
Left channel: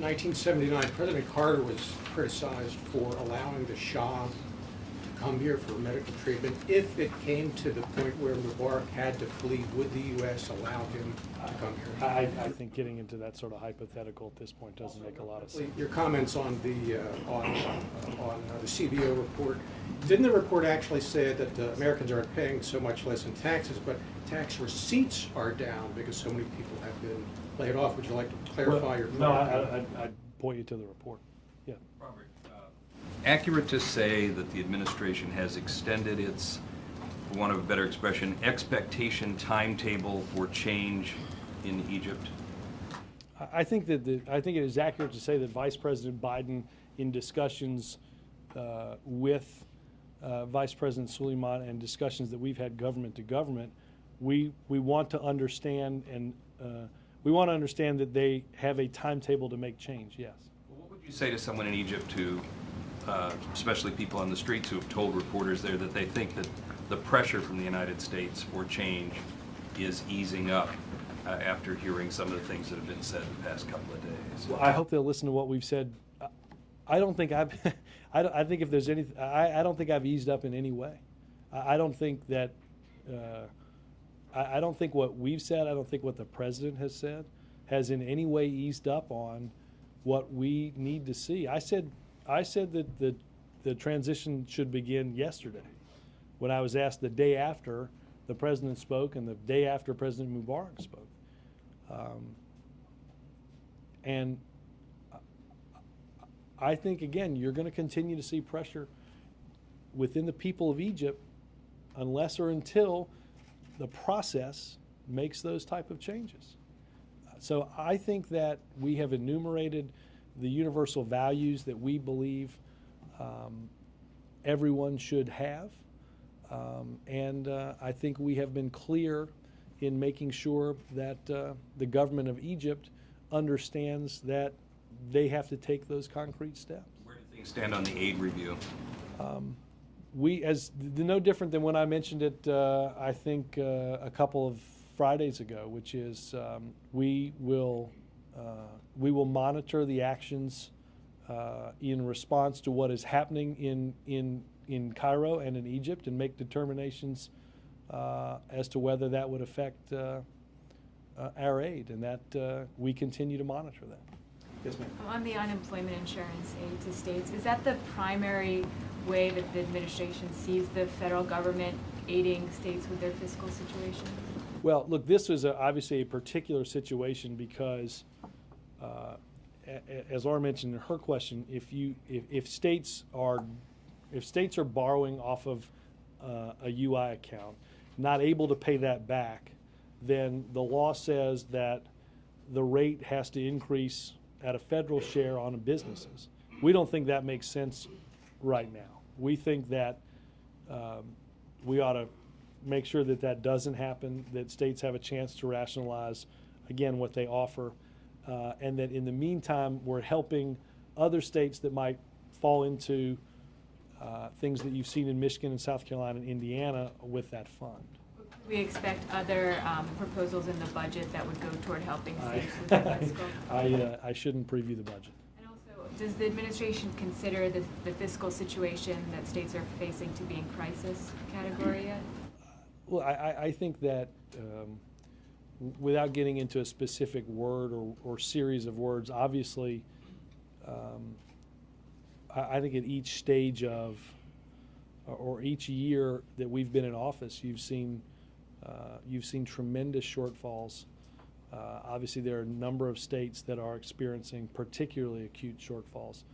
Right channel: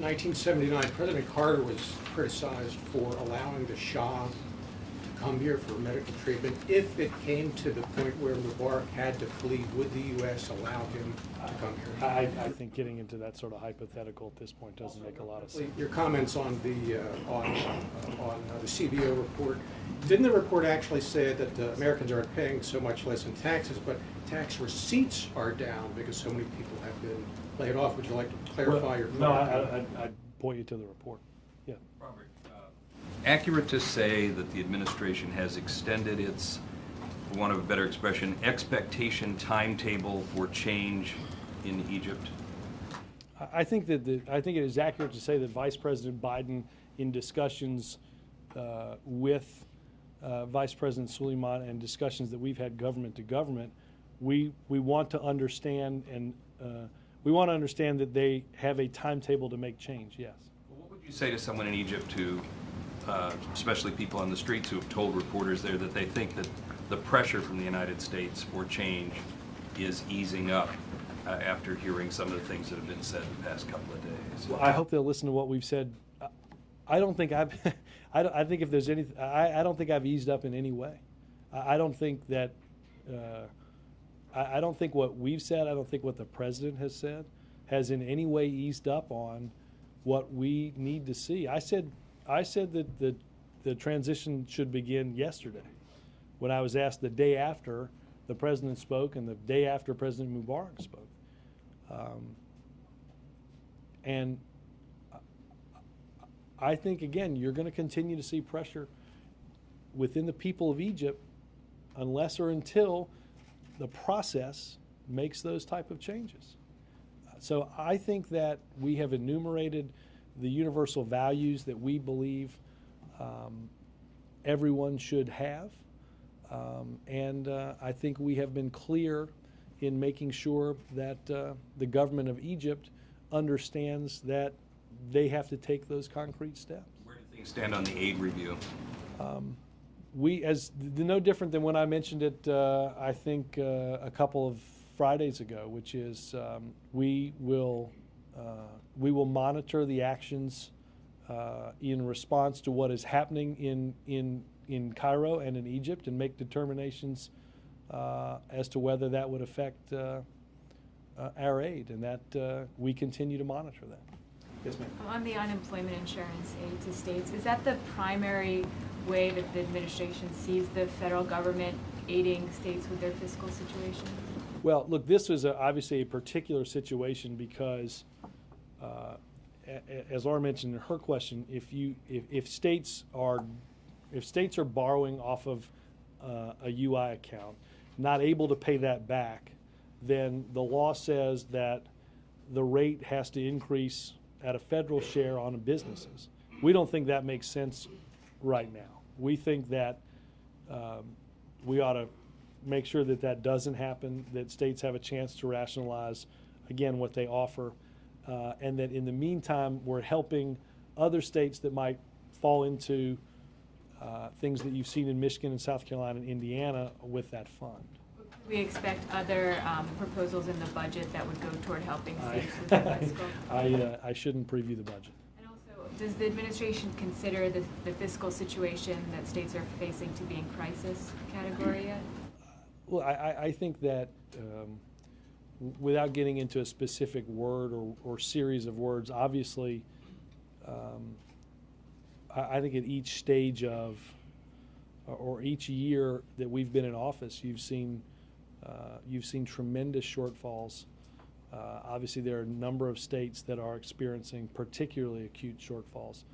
1979, President Carter was criticized for allowing the Shah to come here for medical treatment. If it came to the point where Mubarak had to flee, would the U.S. allow him to come here? I think getting into that sort of hypothetical at this point doesn't make a lot of sense. Your comments on the CBO report. Didn't the report actually say that Americans aren't paying so much less in taxes, but tax receipts are down because so many people have been laid off? Would you like to clarify your point? No, I'd point you to the report. Yeah. Robert, accurate to say that the administration has extended its, for want of a better expression, expectation timetable for change in Egypt? I think it is accurate to say that Vice President Biden, in discussions with Vice President Suleiman and discussions that we've had government to government, we want to understand that they have a timetable to make change. Yes. What would you say to someone in Egypt who, especially people on the streets who have told reporters there that they think that the pressure from the United States for change is easing up after hearing some of the things that have been said in the past couple of days? Well, I hope they'll listen to what we've said. I don't think I've. I think if there's anything, I don't think I've eased up in any way. I don't think that. I don't think what we've said. I don't think what the president has said has in any way eased up on what we need to see. I said that the transition should begin yesterday, when I was asked the day after the president spoke and the day after President Mubarak spoke. And I think, again, you're going to continue to see pressure within the people of Egypt unless or until the process makes those type of changes. So I think that we have enumerated the universal values that we believe everyone should have. And I think we have been clear in making sure that the government of Egypt understands that they have to take those concrete steps. Where do things stand on the aid review? No different than when I mentioned it, I think a couple of Fridays ago, which is we will monitor the actions in response to what is happening in Cairo and in Egypt and make determinations as to whether that would affect our aid, and that we continue to monitor that. Yes, ma'am. On the unemployment insurance aid to states, is that the primary way that the administration sees the federal government aiding states with their fiscal situation? Well, look, this was obviously a particular situation because, as Laura mentioned in her question, if states are borrowing off of a UI account, not able to pay that back, then the law says that the rate has to increase at a federal share on businesses. We don't think that makes sense right now. We think that we ought to make sure that that doesn't happen, that states have a chance to rationalize, again, what they offer, and that in the meantime, we're helping other states that might fall into things that you've seen in Michigan and South Carolina and Indiana with that fund. We expect other proposals in the budget that would go toward helping states with their fiscal. I shouldn't preview the budget. And also, does the administration consider the fiscal situation that states are facing to be in crisis category yet? Well, I think that without getting into a specific word or series of words, obviously, I think at each stage of or each year that we've been in office, you've seen tremendous shortfalls. Obviously, there are a number of states that are experiencing particularly acute shortfalls,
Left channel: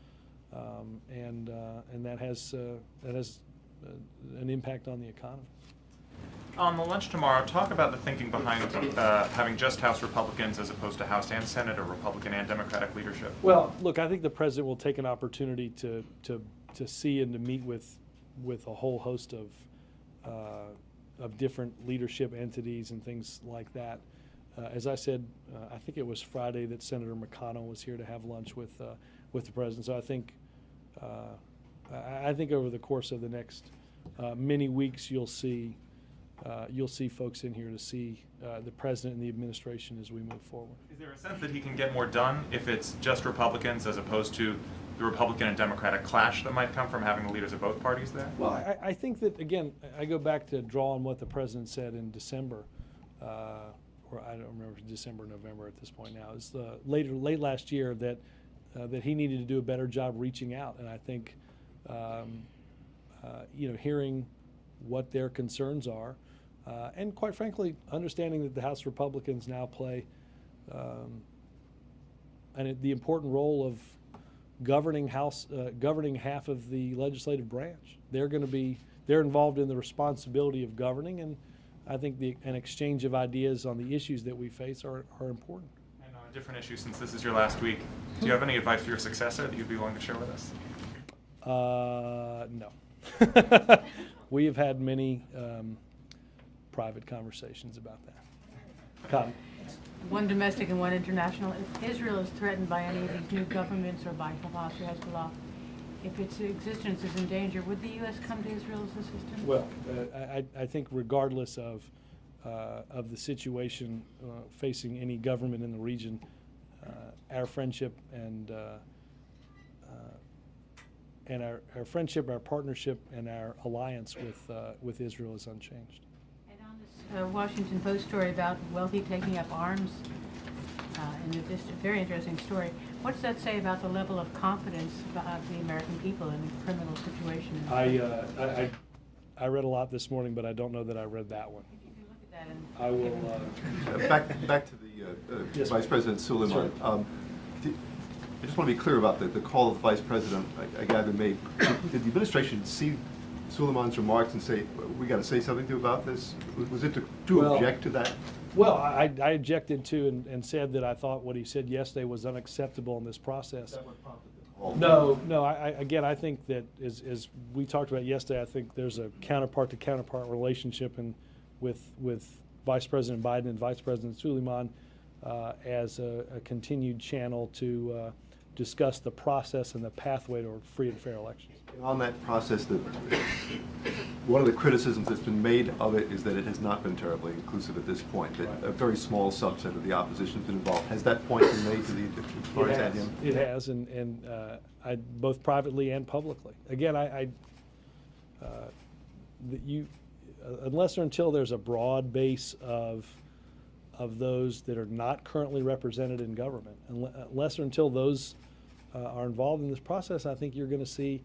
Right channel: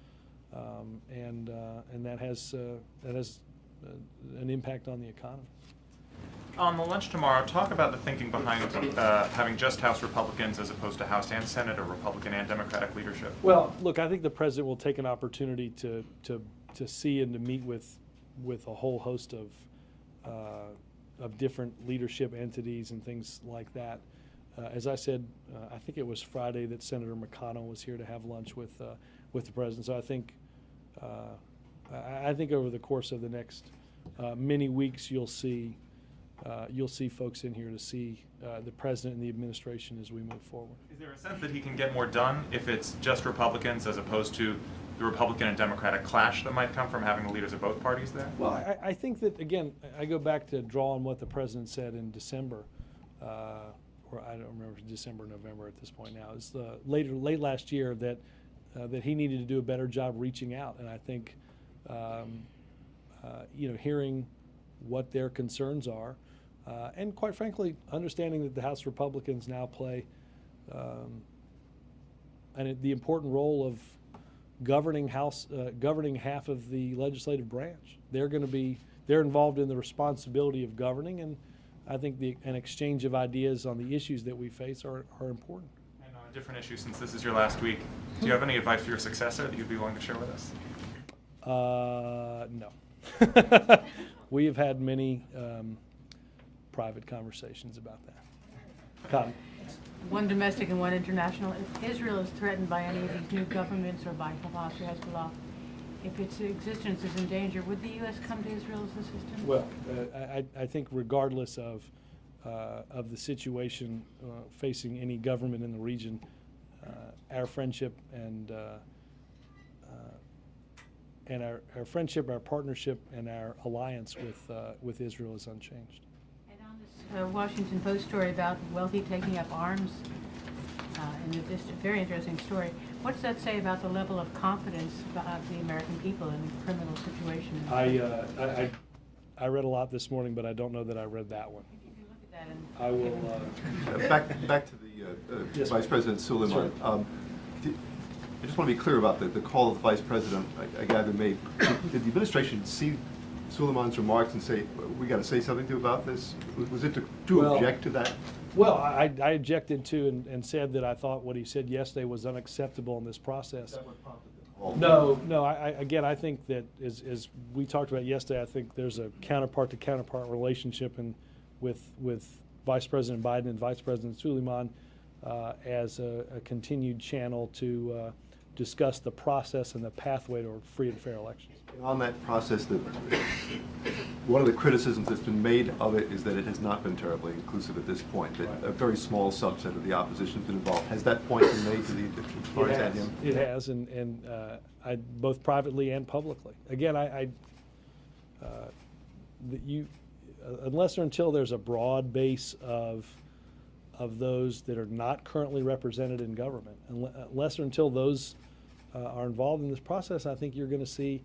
and that has an impact on the economy. On the lunch tomorrow, talk about the thinking behind having just House Republicans as opposed to House and Senate, or Republican and Democratic leadership. Well, look, I think the president will take an opportunity to see and to meet with a whole host of different leadership entities and things like that. As I said, I think it was Friday that Senator McConnell was here to have lunch with the president. So I think over the course of the next many weeks, you'll see folks in here to see the president and the administration as we move forward. Is there a sense that he can get more done if it's just Republicans as opposed to the Republican and Democratic clash that might come from having the leaders of both parties there? Well, I think that, again, I go back to draw on what the president said in December, or I don't remember if it's December or November at this point now. It's late last year that he needed to do a better job reaching out, and I think hearing what their concerns are, and quite frankly, understanding that the House Republicans now play the important role of governing half of the legislative branch. They're involved in the responsibility of governing, and I think an exchange of ideas on the issues that we face are important. And on a different issue, since this is your last week, do you have any advice for your successor that you'd be willing to share with us? No. We have had many private conversations about that. Cotton. One domestic and one international. If Israel is threatened by any of these new governments or by Hamas or Hezbollah, if its existence is in danger, would the U.S. come to Israel's assistance? Well, I think regardless of the situation facing any government in the region, our friendship and our friendship, our partnership, and our alliance with Israel is unchanged. And on this Washington Post story about wealthy taking up arms, and this very interesting story, what's that say about the level of confidence of the American people in a criminal situation? I read a lot this morning, but I don't know that I read that one. You can look at that. I will. Back to the Yes, Vice President Suleiman. I just want to be clear about the call of the Vice President. I gather did the administration see Suleiman's remarks and say, we got to say something to about this? Was it to object to that? Well, I objected to and said that I thought what he said yesterday was unacceptable in this process. Is that what prompted the call? No. I think that as we talked about yesterday, I think there's a counterpart-to-counterpart relationship with Vice President Biden and Vice President Suleiman as a continued channel to discuss the process and the pathway to free and fair elections. On that process, one of the criticisms that's been made of it is that it has not been terribly inclusive at this point, that a very small subset of the opposition has been involved. Has that point been made to the parties? It has, and I both privately and publicly. Again, unless or until there's a broad base of those that are not currently represented in government, unless or until those are involved in this process, I think you're going to see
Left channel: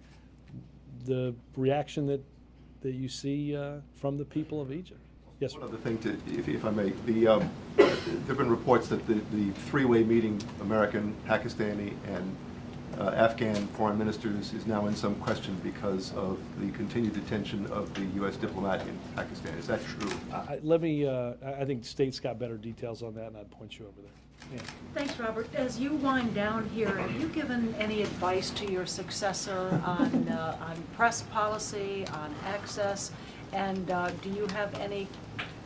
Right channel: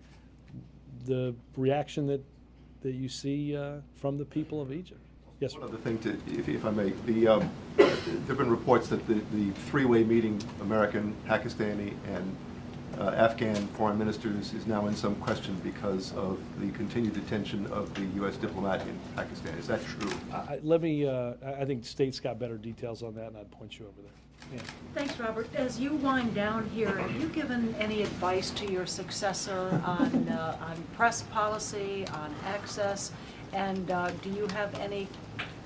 the reaction that you see from the people of Egypt. Yes, sir. One other thing, if I may, there have been reports that the three-way meeting, American, Pakistani, and Afghan foreign ministers, is now in some question because of the continued detention of the U.S. diplomat in Pakistan. Is that true? I think State's got better details on that, and I'd point you over there. Yeah. Thanks, Robert. As you wind down here, have you given any advice to your successor on press policy, on access, and do you have any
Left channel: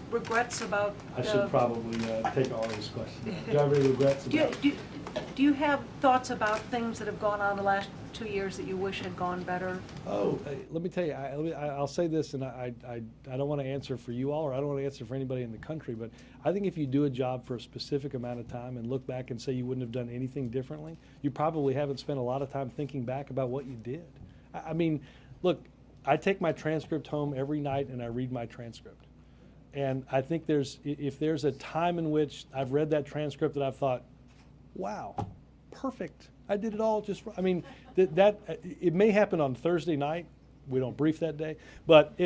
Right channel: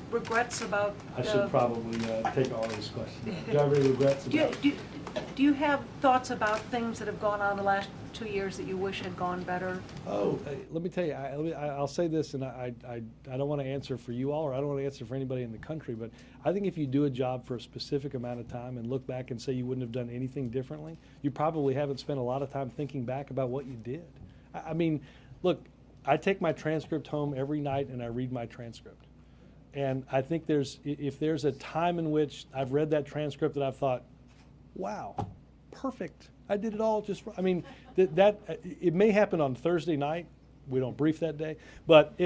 regrets about? I should probably take all these questions. Do you have any regrets about? Do you have thoughts about things that have gone on the last 2 years that you wish had gone better? Oh, let me tell you, I'll say this, and I don't want to answer for you all, or I don't want to answer for anybody in the country, but I think if you do a job for a specific amount of time and look back and say you wouldn't have done anything differently, you probably haven't spent a lot of time thinking back about what you did. I mean, look, I take my transcript home every night and I read my transcript. And I think if there's a time in which I've read that transcript that I've thought, wow, perfect. I did it all just. I mean, it may happen on Thursday night. We don't brief that day, but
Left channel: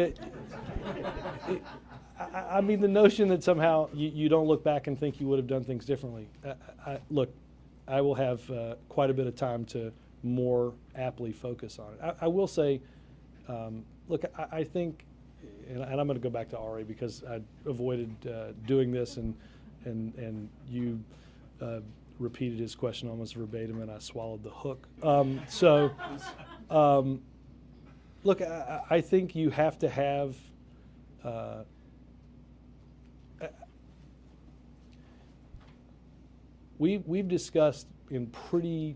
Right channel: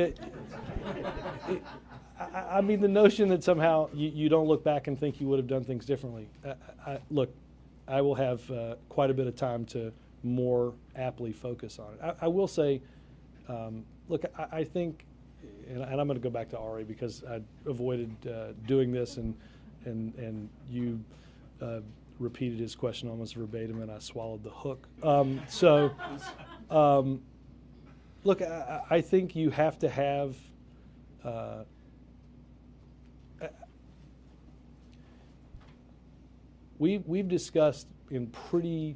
I mean, the notion that somehow you don't look back and think you would have done things differently. Look, I will have quite a bit of time to more aptly focus on it. I will say, look, I think, and I'm going to go back to Ari because I avoided doing this, and you repeated his question almost verbatim, and I swallowed the hook. Look, I think you have to have. We've discussed in pretty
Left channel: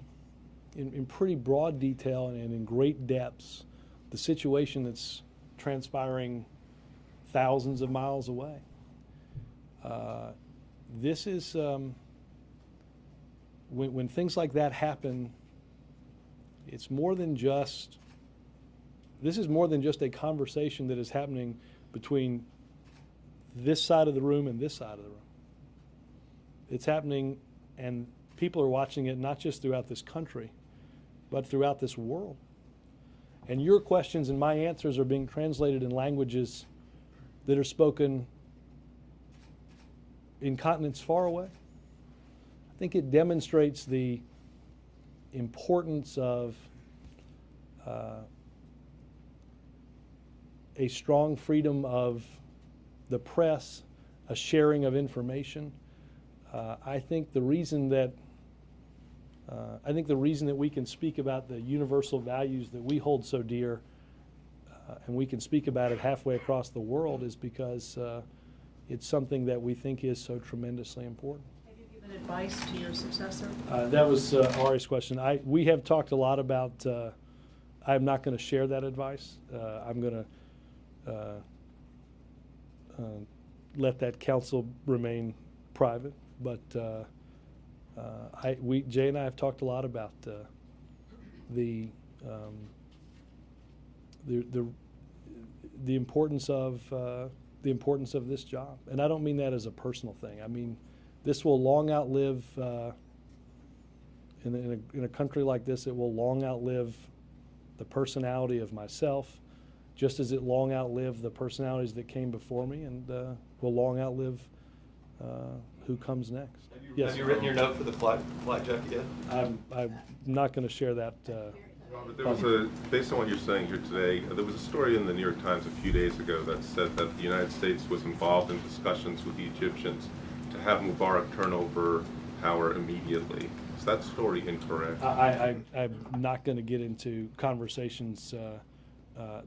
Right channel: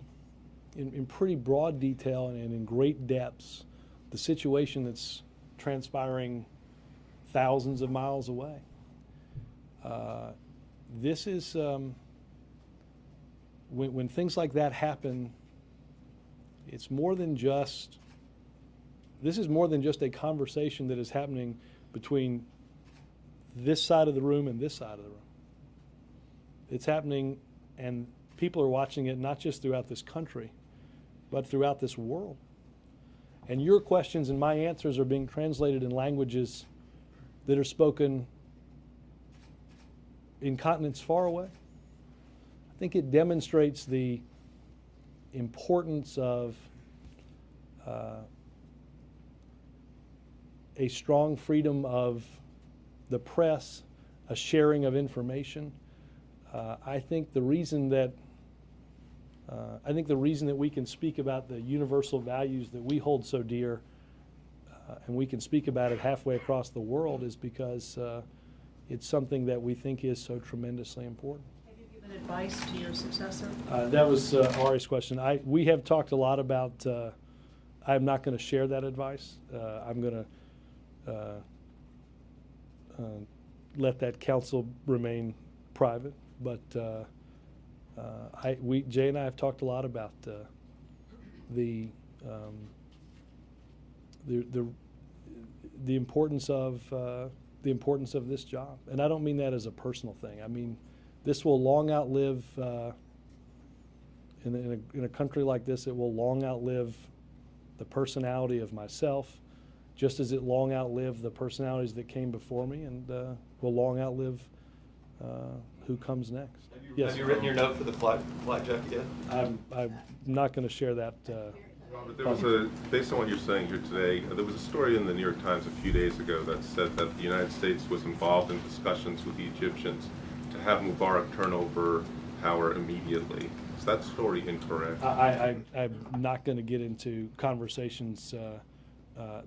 broad detail and in great depths the situation that's transpiring thousands of miles away. This is when things like that happen. It's more than just. This is more than just a conversation that is happening between this side of the room and this side of the room. It's happening, and people are watching it not just throughout this country, but throughout this world. And your questions and my answers are being translated in languages that are spoken in continents far away. I think it demonstrates the importance of a strong freedom of the press, a sharing of information. I think the reason that we can speak about the universal values that we hold so dear, and we can speak about it halfway across the world, is because it's something that we think is so tremendously important. Have you given advice to your successor? That was Ari's question. We have talked a lot about. I'm not going to share that advice. I'm going to let that counsel remain private. But Jay and I have talked a lot about the importance of this job, and I don't mean that as a personal thing. I mean, this will long outlive in a country like this. It will long outlive the personality of myself, just as it long outlived the personalities that came before me, and will long outlive who comes next. Yes. Have you written your note for the flight jacket yet? I'm not going to share that. There was based on what you're saying here today, there was a story in the New York Times a few days ago that said that the United States was involved in discussions with the Egyptians to have Mubarak turn over power immediately. Is that story incorrect? I'm not going to get into conversations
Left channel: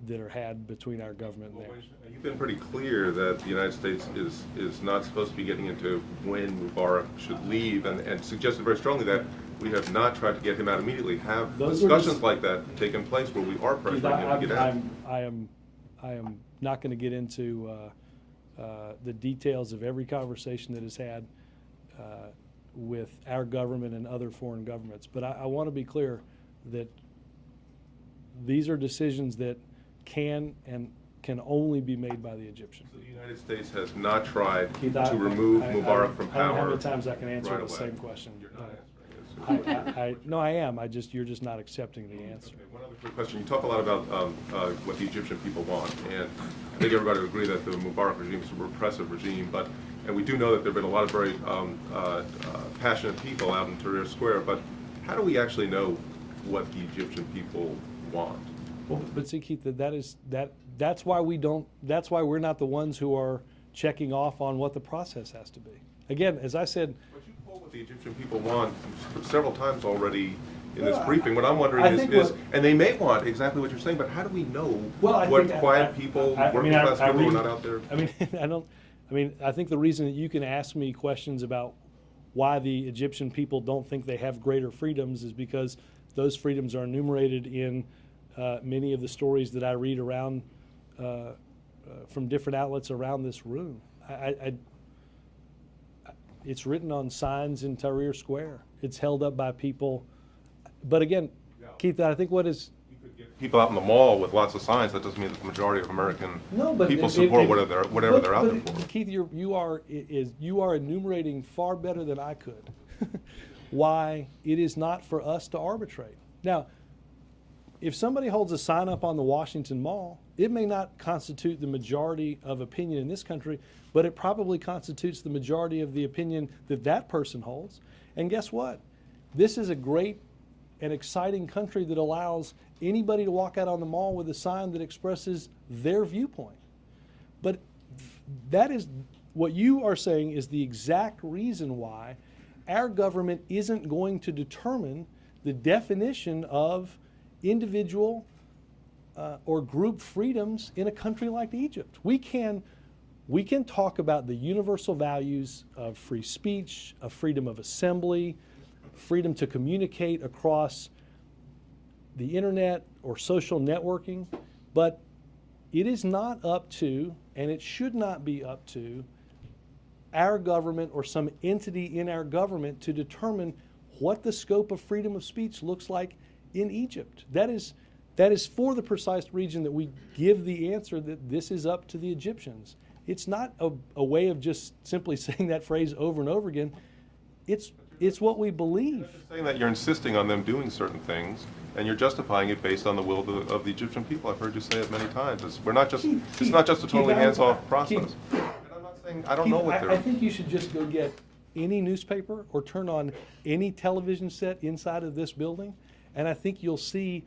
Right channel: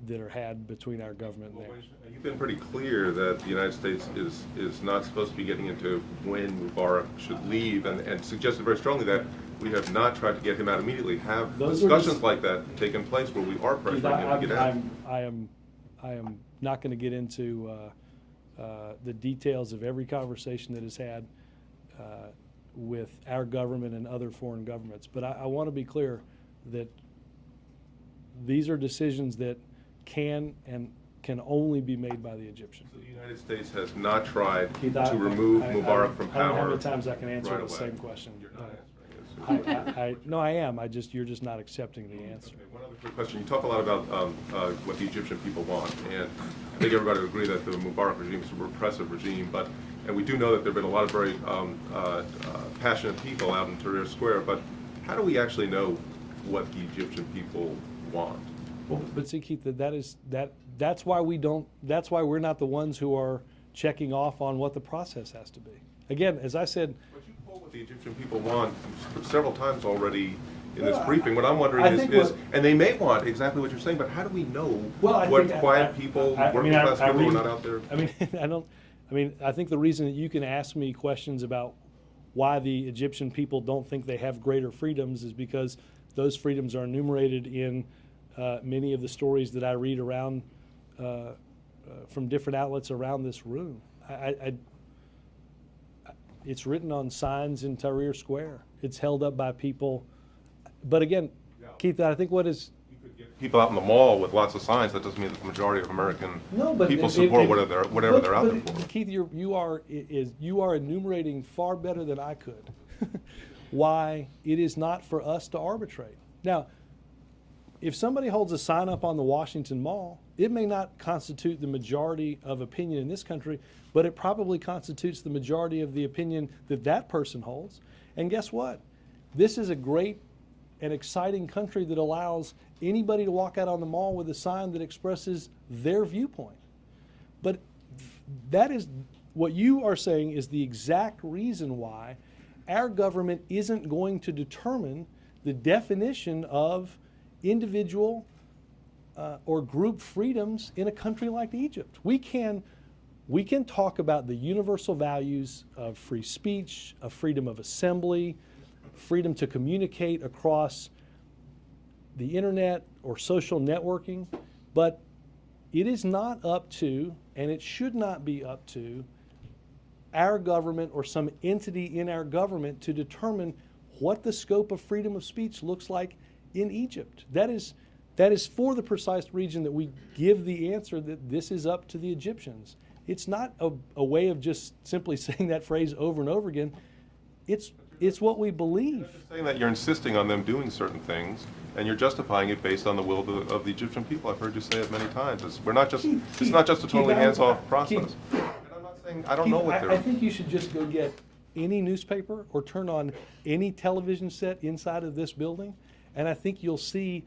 that are had between our government and theirs. You've been pretty clear that the United States is not supposed to be getting into when Mubarak should leave, and suggested very strongly that we have not tried to get him out immediately. Have discussions like that taken place where we are pressuring him to get out? I am not going to get into the details of every conversation that is had with our government and other foreign governments, but I want to be clear that these are decisions that can only be made by the Egyptians. So the United States has not tried to remove Mubarak from power. I don't know how many times I can answer the same question. No, I am. You're just not accepting the answer. Okay, one other quick question. You talk a lot about what the Egyptian people want, and I think everybody would agree that the Mubarak regime is a repressive regime, and we do know that there have been a lot of very passionate people out in Tahrir Square, but how do we actually know what the Egyptian people want? Well, but see, Keith, that's why we're not the ones who are checking off on what the process has to be. Again, as I said, but you told what the Egyptian people want several times already in this briefing. What I'm wondering is, and they may want exactly what you're saying, but how do we know what quiet people, working class people who are not out there? I think the reason that you can ask me questions about why the Egyptian people don't think they have greater freedoms is because those freedoms are enumerated in many of the stories that I read around from different outlets around this room. It's written on signs in Tahrir Square. It's held up by people. But again, Keith, I think what is... People out in the mall with lots of signs, that doesn't mean that the majority of American people support whatever they're out there for. Keith, you are enumerating far better than I could why it is not for us to arbitrate. Now, if somebody holds a sign up on the Washington Mall, it may not constitute the majority of opinion in this country, but it probably constitutes the majority of the opinion that person holds. And guess what? This is a great an exciting country that allows anybody to walk out on the mall with a sign that expresses their viewpoint. But that is what you are saying is the exact reason why our government isn't going to determine the definition of individual or group freedoms in a country like Egypt. We can talk about the universal values of free speech, of freedom of assembly, freedom to communicate across the internet or social networking, but it is not up to, and it should not be up to, our government or some entity in our government to determine what the scope of freedom of speech looks like in Egypt. That is for the precise reason that we give the answer that this is up to the Egyptians. It's not a way of just simply saying that phrase over and over again. It's what we believe. You're saying that you're insisting on them doing certain things, and you're justifying it based on the will of the Egyptian people. I've heard you say it many times. It's not just a totally hands-off process. And I'm not saying I don't know what they're. I think you should just go get any newspaper or turn on any television set inside of this building, and I think you'll see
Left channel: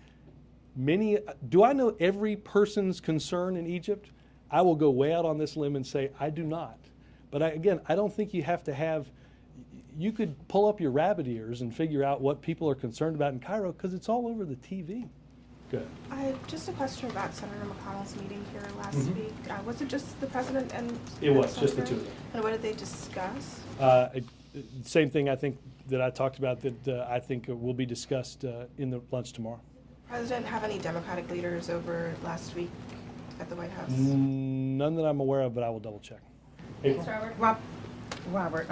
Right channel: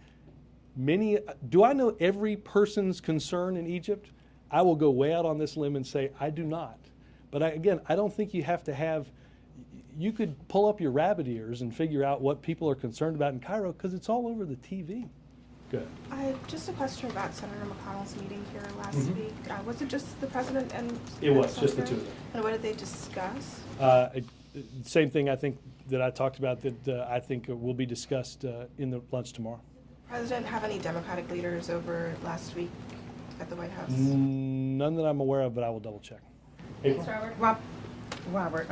many. Do I know every person's concern in Egypt? I will go way out on this limb and say I do not. But I don't think you have to have. You could pull up your rabbit ears and figure out what people are concerned about in Cairo because it's all over the TV. Good. Just a question about Senator McConnell's meeting here last week. Was it just the president and It was Senator? just the two of them. And what did they discuss? Same thing I think that I talked about that I think will be discussed in the lunch tomorrow. President have any Democratic leaders over last week at the White House? None that I'm aware of, but I will double check. Thanks, Robert,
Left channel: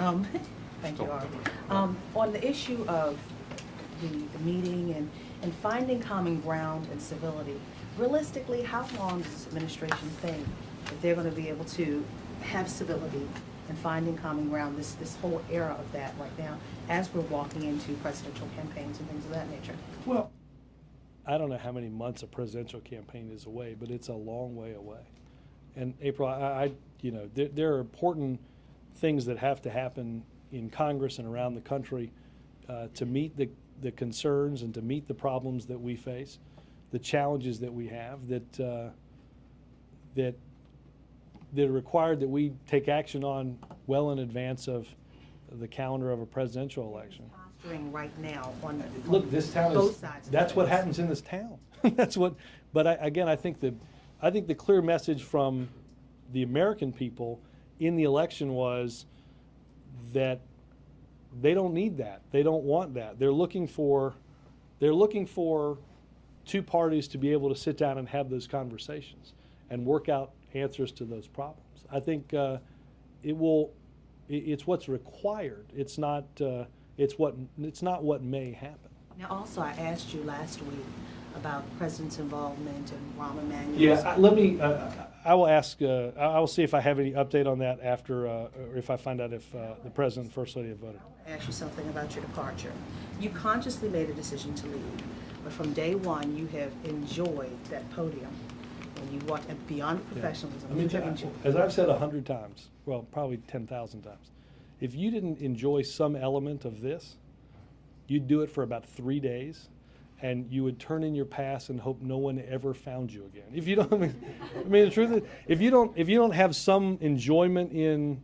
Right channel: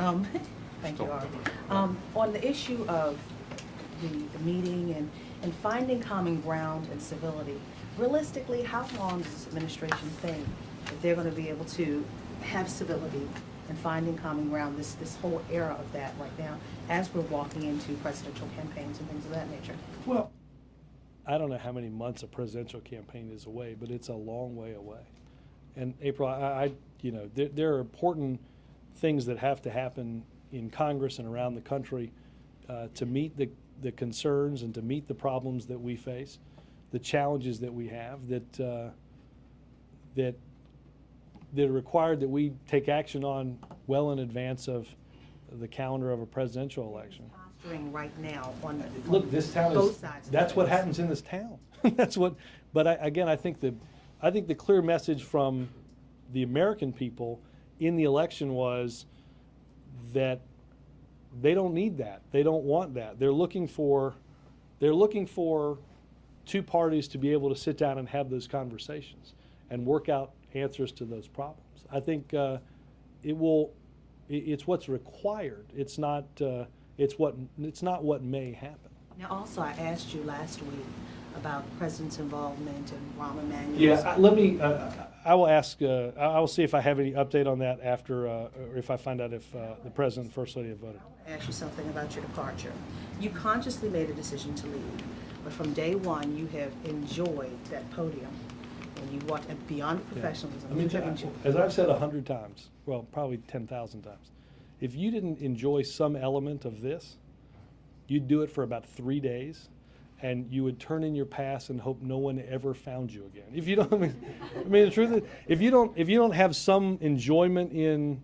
thank you, Artie. On the issue of the meeting and finding common ground and civility, realistically, how long does this administration think that they're going to be able to have civility and finding common ground, this whole era of that right now, as we're walking into presidential campaigns and things of that nature? Well, I don't know how many months a presidential campaign is away, but it's a long way away. And April, there are important things that have to happen in Congress and around the country to meet the concerns and to meet the problems that we face, the challenges that we have that are required that we take action on well in advance of the calendar of a presidential election. Right now, Look, this town is. That's what happens in this town. That's what. But I think the clear message from the American people in the election was that they don't need that. They don't want that. They're looking for two parties to be able to sit down and have those conversations and work out answers to those problems. I think it's what's required. It's not what may happen. Now, also, I asked you last week about the president's involvement in Rahm Emanuel's. Yeah, let me. I will ask. I will see if I have any update on that after, or if I find out if the president and first lady have voted. I asked you something about your departure. You consciously made a decision to leave, but from day one, you have enjoyed that podium, and you want beyond professionalism. As I've said 100 times, well, probably 10,000 times, if you didn't enjoy some element of this, you'd do it for about 3 days, and you would turn in your pass and hope no one ever found you again. If you don't, I mean, the truth is, if you don't have some enjoyment in.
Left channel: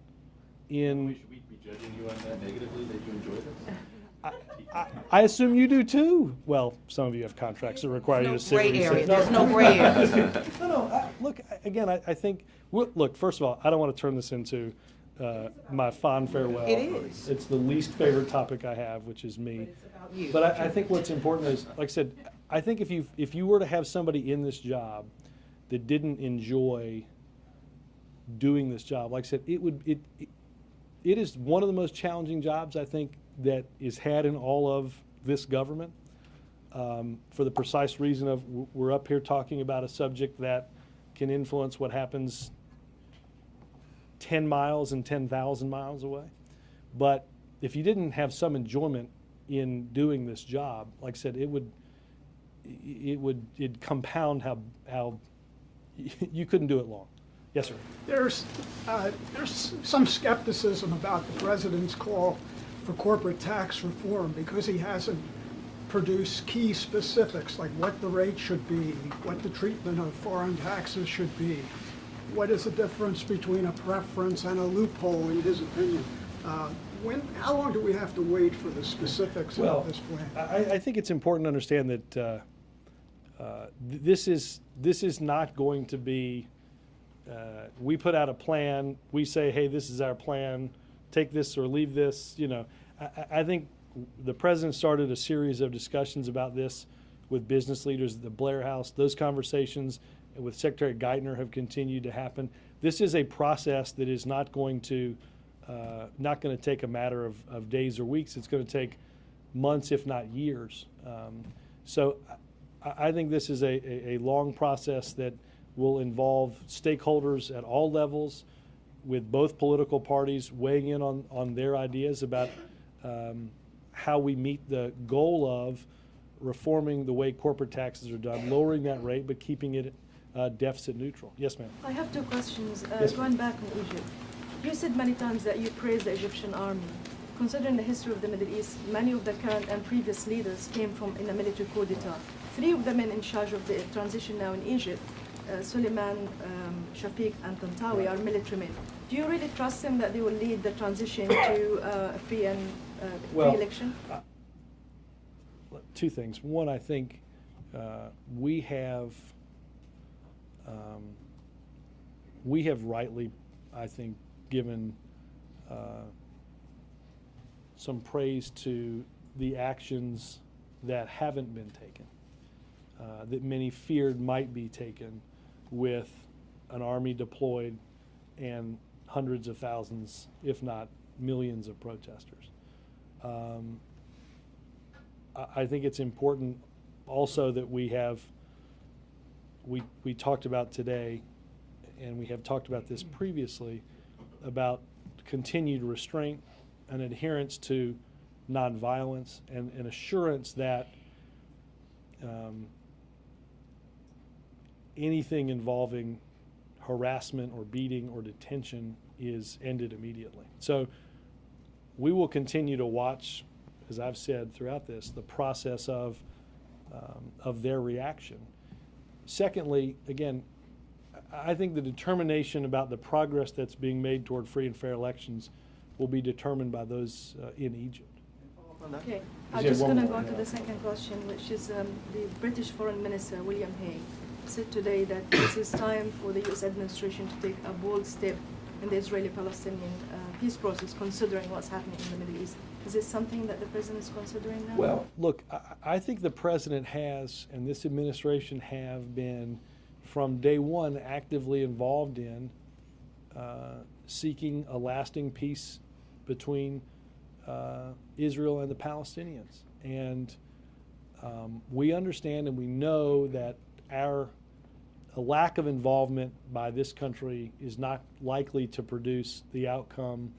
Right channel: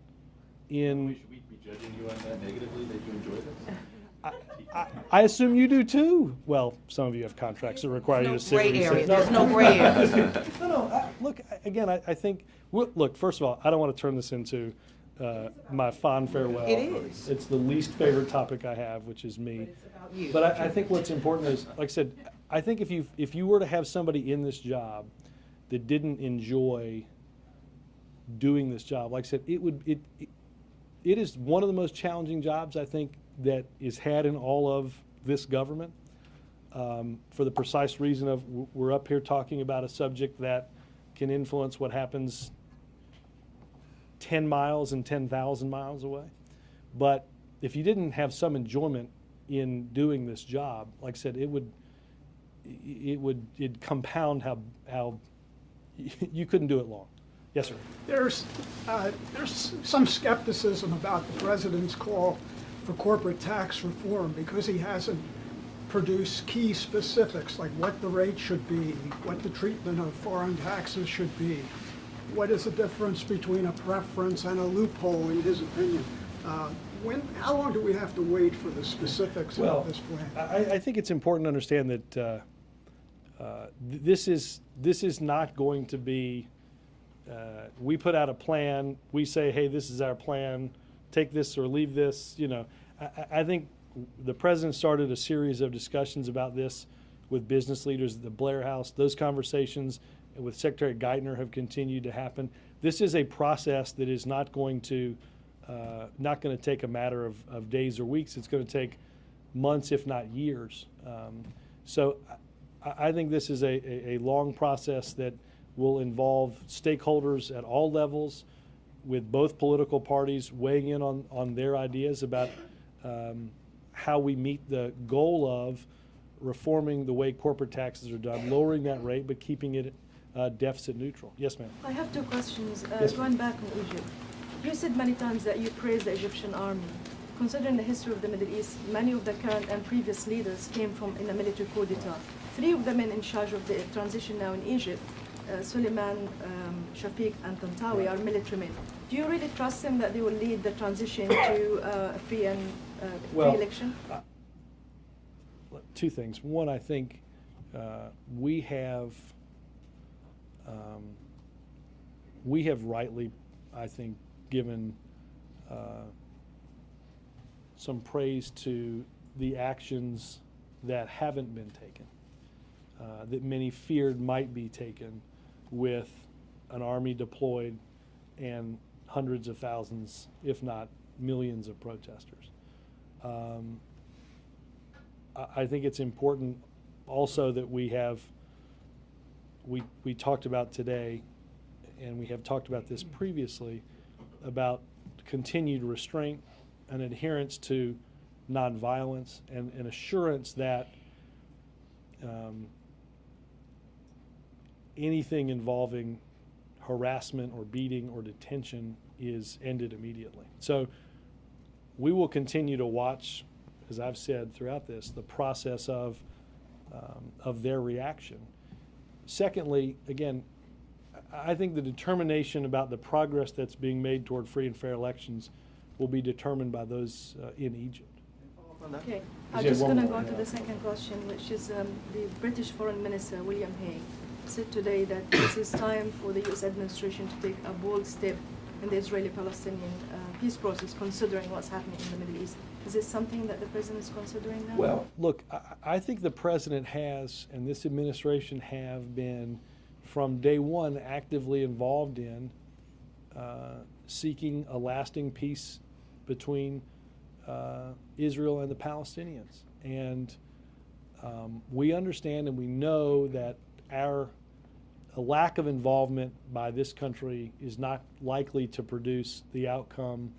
Should we be judging you on that negatively that you enjoy this? I assume you do too. Well, some of you have contracts that require you to sit. Gray area. There's no gray area. Look, again, I think. Look, first of all, I don't want to turn this into my fond farewell. It is. It's the least favorite topic I have, which is me. But I think what's important is, like I said, I think if you were to have somebody in this job that didn't enjoy doing this job, like I said, it is one of the most challenging jobs I think that is had in all of this government. For the precise reason of we're up here talking about a subject that can influence what happens 10 miles and 10,000 miles away. But if you didn't have some enjoyment in doing this job, like I said, it'd compound how you couldn't do it long. Yes, sir. There's some skepticism about the president's call for corporate tax reform because he hasn't produce key specifics, like what the rate should be, what the treatment of foreign taxes should be, what is the difference between a preference and a loophole, in his opinion. How long do we have to wait for the specifics of this plan? I think it's important to understand that this is not going to be, we put out a plan, we say, hey, this is our plan, take this or leave this. You know, I think the president started a series of discussions about this with business leaders at the Blair House. Those conversations with Secretary Geithner have continued to happen. This is a process that is not going to take a matter of days or weeks. It's going to take months, if not years. So I think this is a long process that will involve stakeholders at all levels, with both political parties weighing in on their ideas about how we meet the goal of reforming the way corporate taxes are done, lowering that rate, but keeping it deficit neutral. Yes, ma'am. I have two questions. Yes, going back in Egypt, you said many times that you praised the Egyptian army. Considering the history of the Middle East, many of the current and previous leaders came from in a military coup d'etat. 3 of the men in charge of the transition now in Egypt, Suleiman, Shafiq, and Tantawi, are military men. Do you really trust them that they will lead the transition to a free and free election? Two things. One, I think we have rightly, I think, given some praise to the actions that haven't been taken, that many feared might be taken, with an army deployed and hundreds of thousands, if not millions, of protesters. I think it's important also that we talked about today, and we have talked about this previously, about continued restraint and adherence to nonviolence, and an assurance that anything involving harassment or beating or detention is ended immediately. So we will continue to watch, as I've said throughout this, the process of their reaction. Secondly, again, I think the determination about the progress that's being made toward free and fair elections will be determined by those in Egypt. Okay, I'm just going to go on to the second question, which is the British Foreign Minister, William Hague, said today that this is time for the U.S. administration to take a bold step in the Israeli-Palestinian peace process, considering what's happening in the Middle East. Is this something that the president is considering now? Well, look, I think the president has, and this administration have been, from day one, actively involved in seeking a lasting peace between Israel and the Palestinians. And we understand and we know that a lack of involvement by this country is not likely to produce the outcome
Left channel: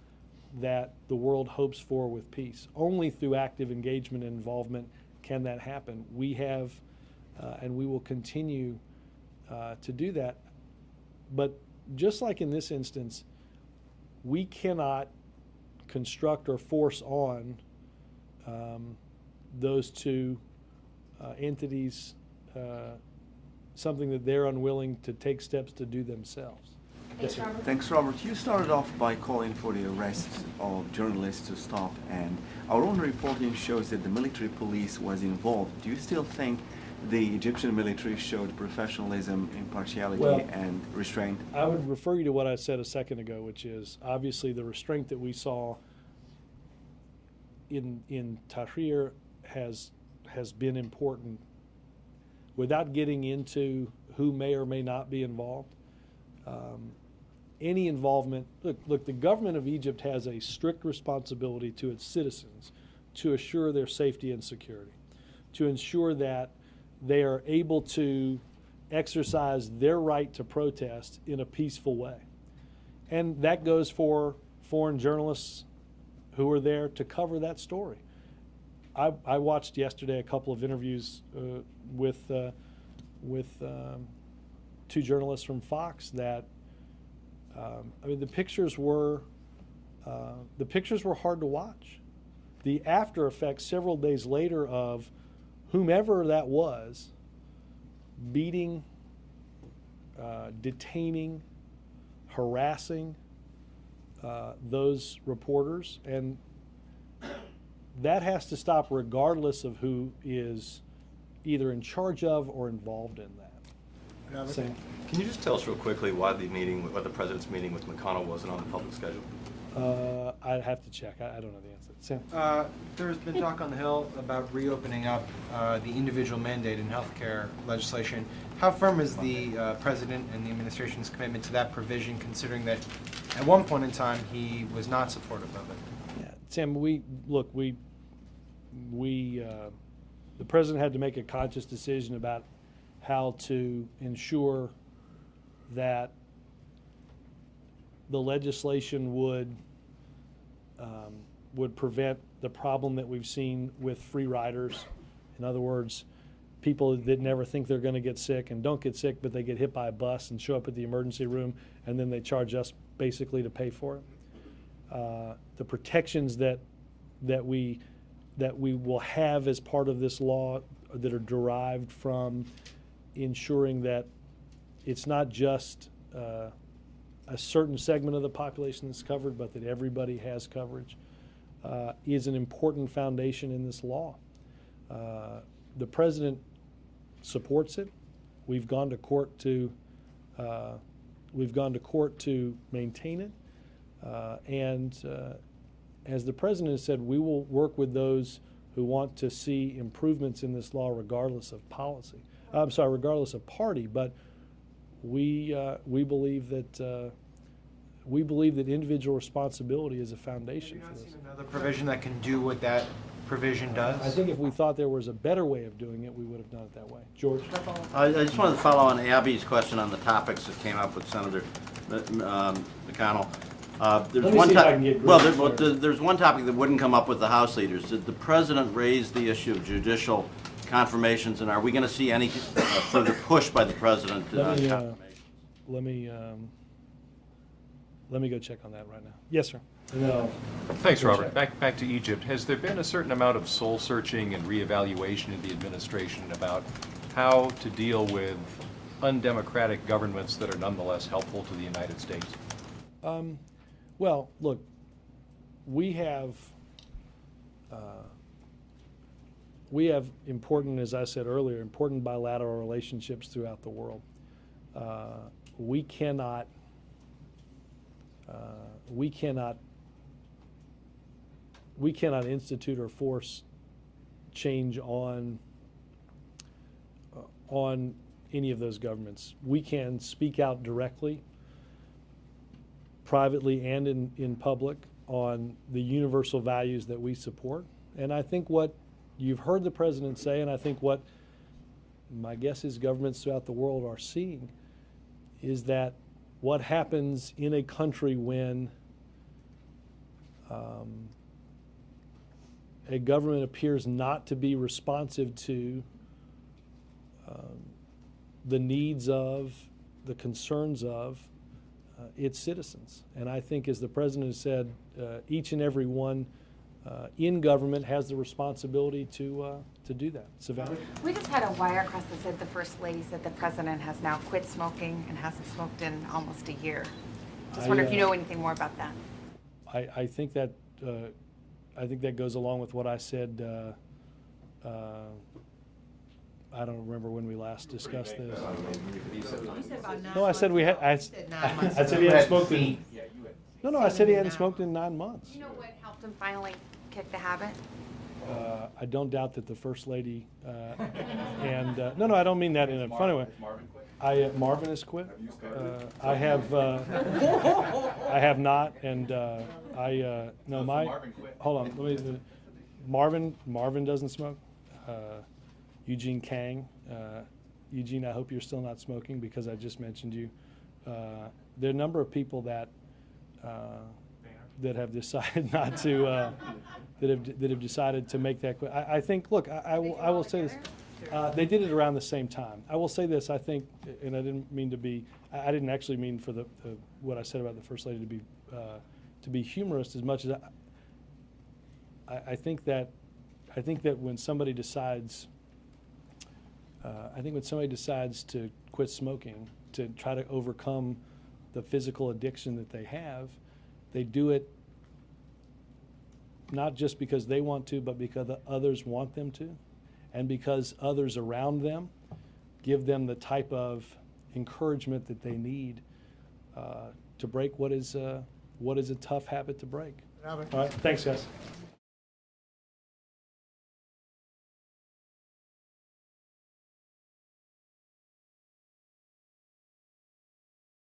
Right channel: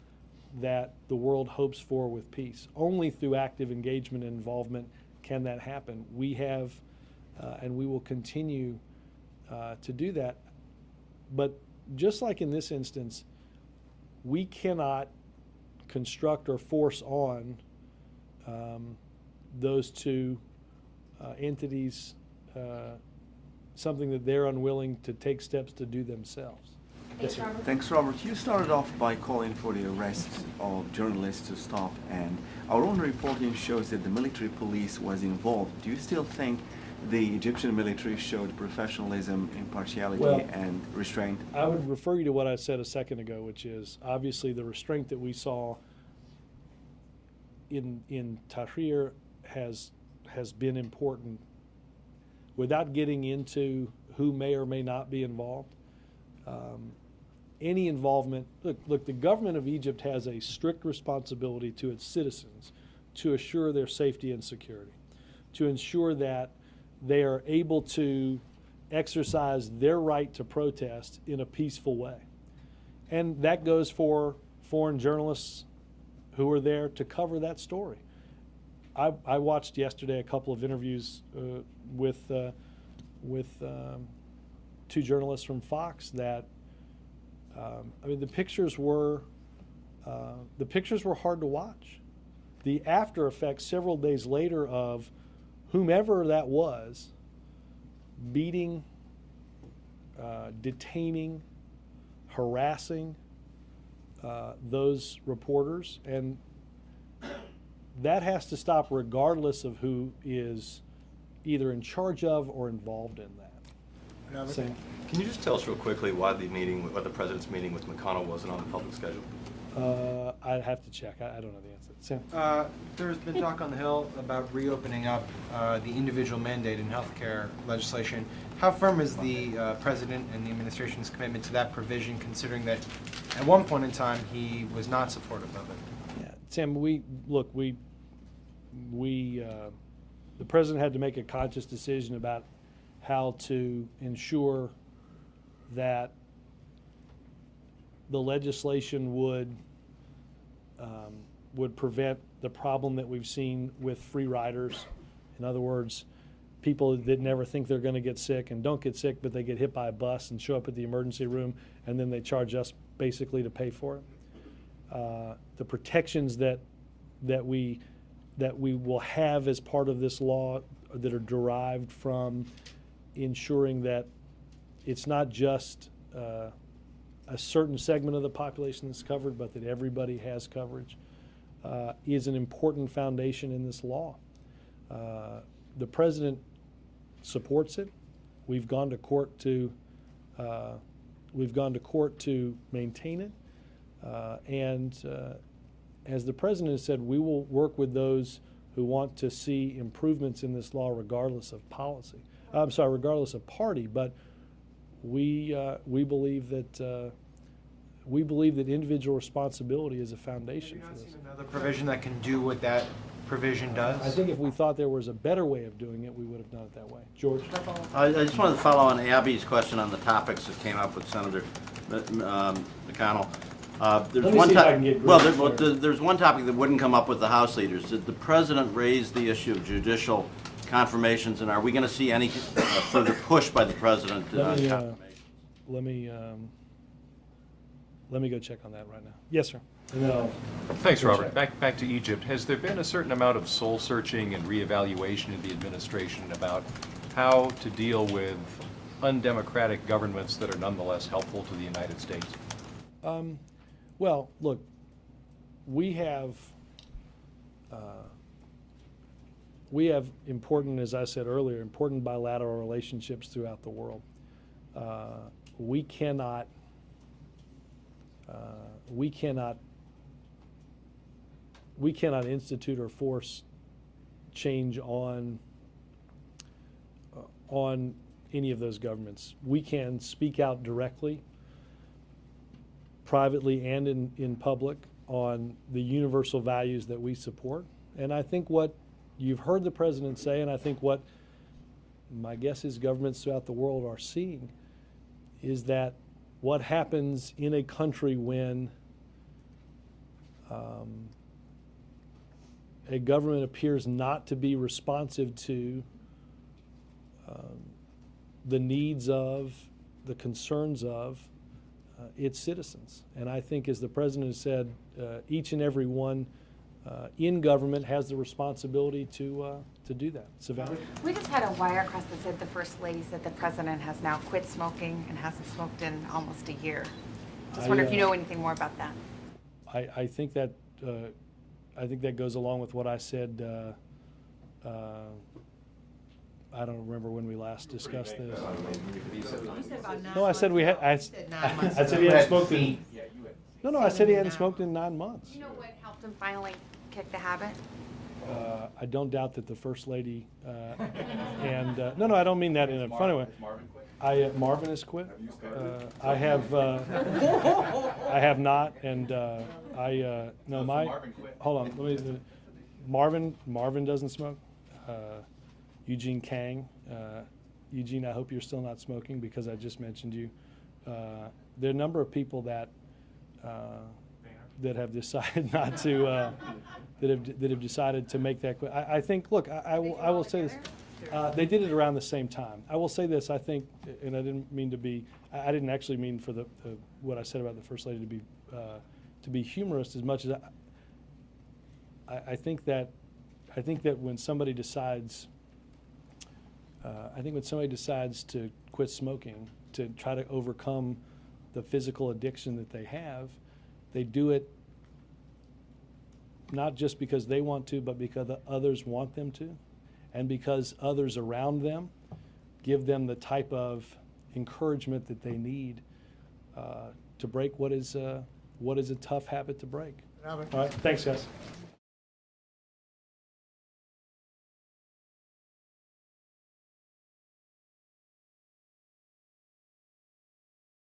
that the world hopes for with peace. Only through active engagement and involvement can that happen. We have, and we will continue to do that. But just like in this instance, we cannot construct or force on those two entities something that they're unwilling to take steps to do themselves. Thanks, Robert. You started off by calling for the arrest of journalists to stop, and our own reporting shows that the military police was involved. Do you still think the Egyptian military showed professionalism, impartiality, and restraint? I would refer you to what I said a second ago, which is obviously the restraint that we saw in Tahrir has been important. Without getting into who may or may not be involved, any involvement, look, the government of Egypt has a strict responsibility to its citizens to assure their safety and security, to ensure that they are able to exercise their right to protest in a peaceful way. And that goes for foreign journalists who are there to cover that story. I watched yesterday a couple of interviews with two journalists from Fox that, I mean, the pictures were hard to watch. The after effects several days later of whomever that was, beating, detaining, harassing those reporters, and that has to stop regardless of who is either in charge of or involved in that. Sam? Can you just tell us real quickly why the president's meeting with McConnell wasn't on the public schedule? I'd have to check. I don't know the answer. Sam? There's been talk on the Hill about reopening up the individual mandate in healthcare legislation. How firm is the president and the administration's commitment to that provision, considering that at one point in time he was not supportive of it? Yeah, Sam, the president had to make a conscious decision about how to ensure that the legislation would prevent the problem that we've seen with free riders. In other words, people that never think they're going to get sick and don't get sick, but they get hit by a bus and show up at the emergency room, and then they charge us basically to pay for it. The protections that we will have as part of this law that are derived from ensuring that it's not just a certain segment of the population that's covered, but that everybody has coverage, is an important foundation in this law. The president supports it. We've gone to court to maintain it, and as the president has said, we will work with those who want to see improvements in this law, regardless of policy. I'm sorry, regardless of party. But we believe that individual responsibility is a foundation for this. Another provision that can do what that provision does? I think if we thought there was a better way of doing it, we would have done it that way. George? I just wanted to follow on Abby's question on the topics that came up with Senator McConnell. There's one topic that wouldn't come up with the House leaders. Did the president raise the issue of judicial confirmations, and are we going to see any further push by the president? Let me go check on that right now. Yes, sir. Thanks, Robert. Back to Egypt. Has there been a certain amount of soul searching and reevaluation in the administration about how to deal with undemocratic governments that are nonetheless helpful to the United States? Well, look, we have important, as I said earlier, important bilateral relationships throughout the world. We cannot institute or force change on any of those governments. We can speak out directly, privately and in public, on the universal values that we support. And I think what you've heard the president say, and I think what my guess is governments throughout the world are seeing, is that what happens in a country when a government appears not to be responsive to the needs of, the concerns of its citizens. And I think, as the president has said, each and every one in government has the responsibility to do that. Savannah? We just had a wire across that said the First Lady said the president has now quit smoking and hasn't smoked in almost a year. Just wonder if you know anything more about that. I think that goes along with what I said. I don't remember when we last discussed this. No, I said we had. I said he hadn't smoked in. No, I said he hadn't smoked in 9 months. Do you know what helped him finally kick the habit? I don't doubt that the First Lady and no, I don't mean that in a funny way. Marvin has quit. I have not, and hold on. Marvin doesn't smoke. Eugene Kang. Eugene, I hope you're still not smoking because I just mentioned you. There are a number of people that have decided not to, that have decided to make that quit. I think, look, I will say this. They did it around the same time. I will say this, I think, and I didn't mean to be, I didn't actually mean for what I said about the First Lady to be humorous as much as I think that when somebody decides I think when somebody decides to quit smoking to try to overcome the physical addiction that they have, they do it not just because they want to, but because others want them to, and because others around them give them the type of encouragement that they need to break what is a tough habit to break. All right, thanks, guys.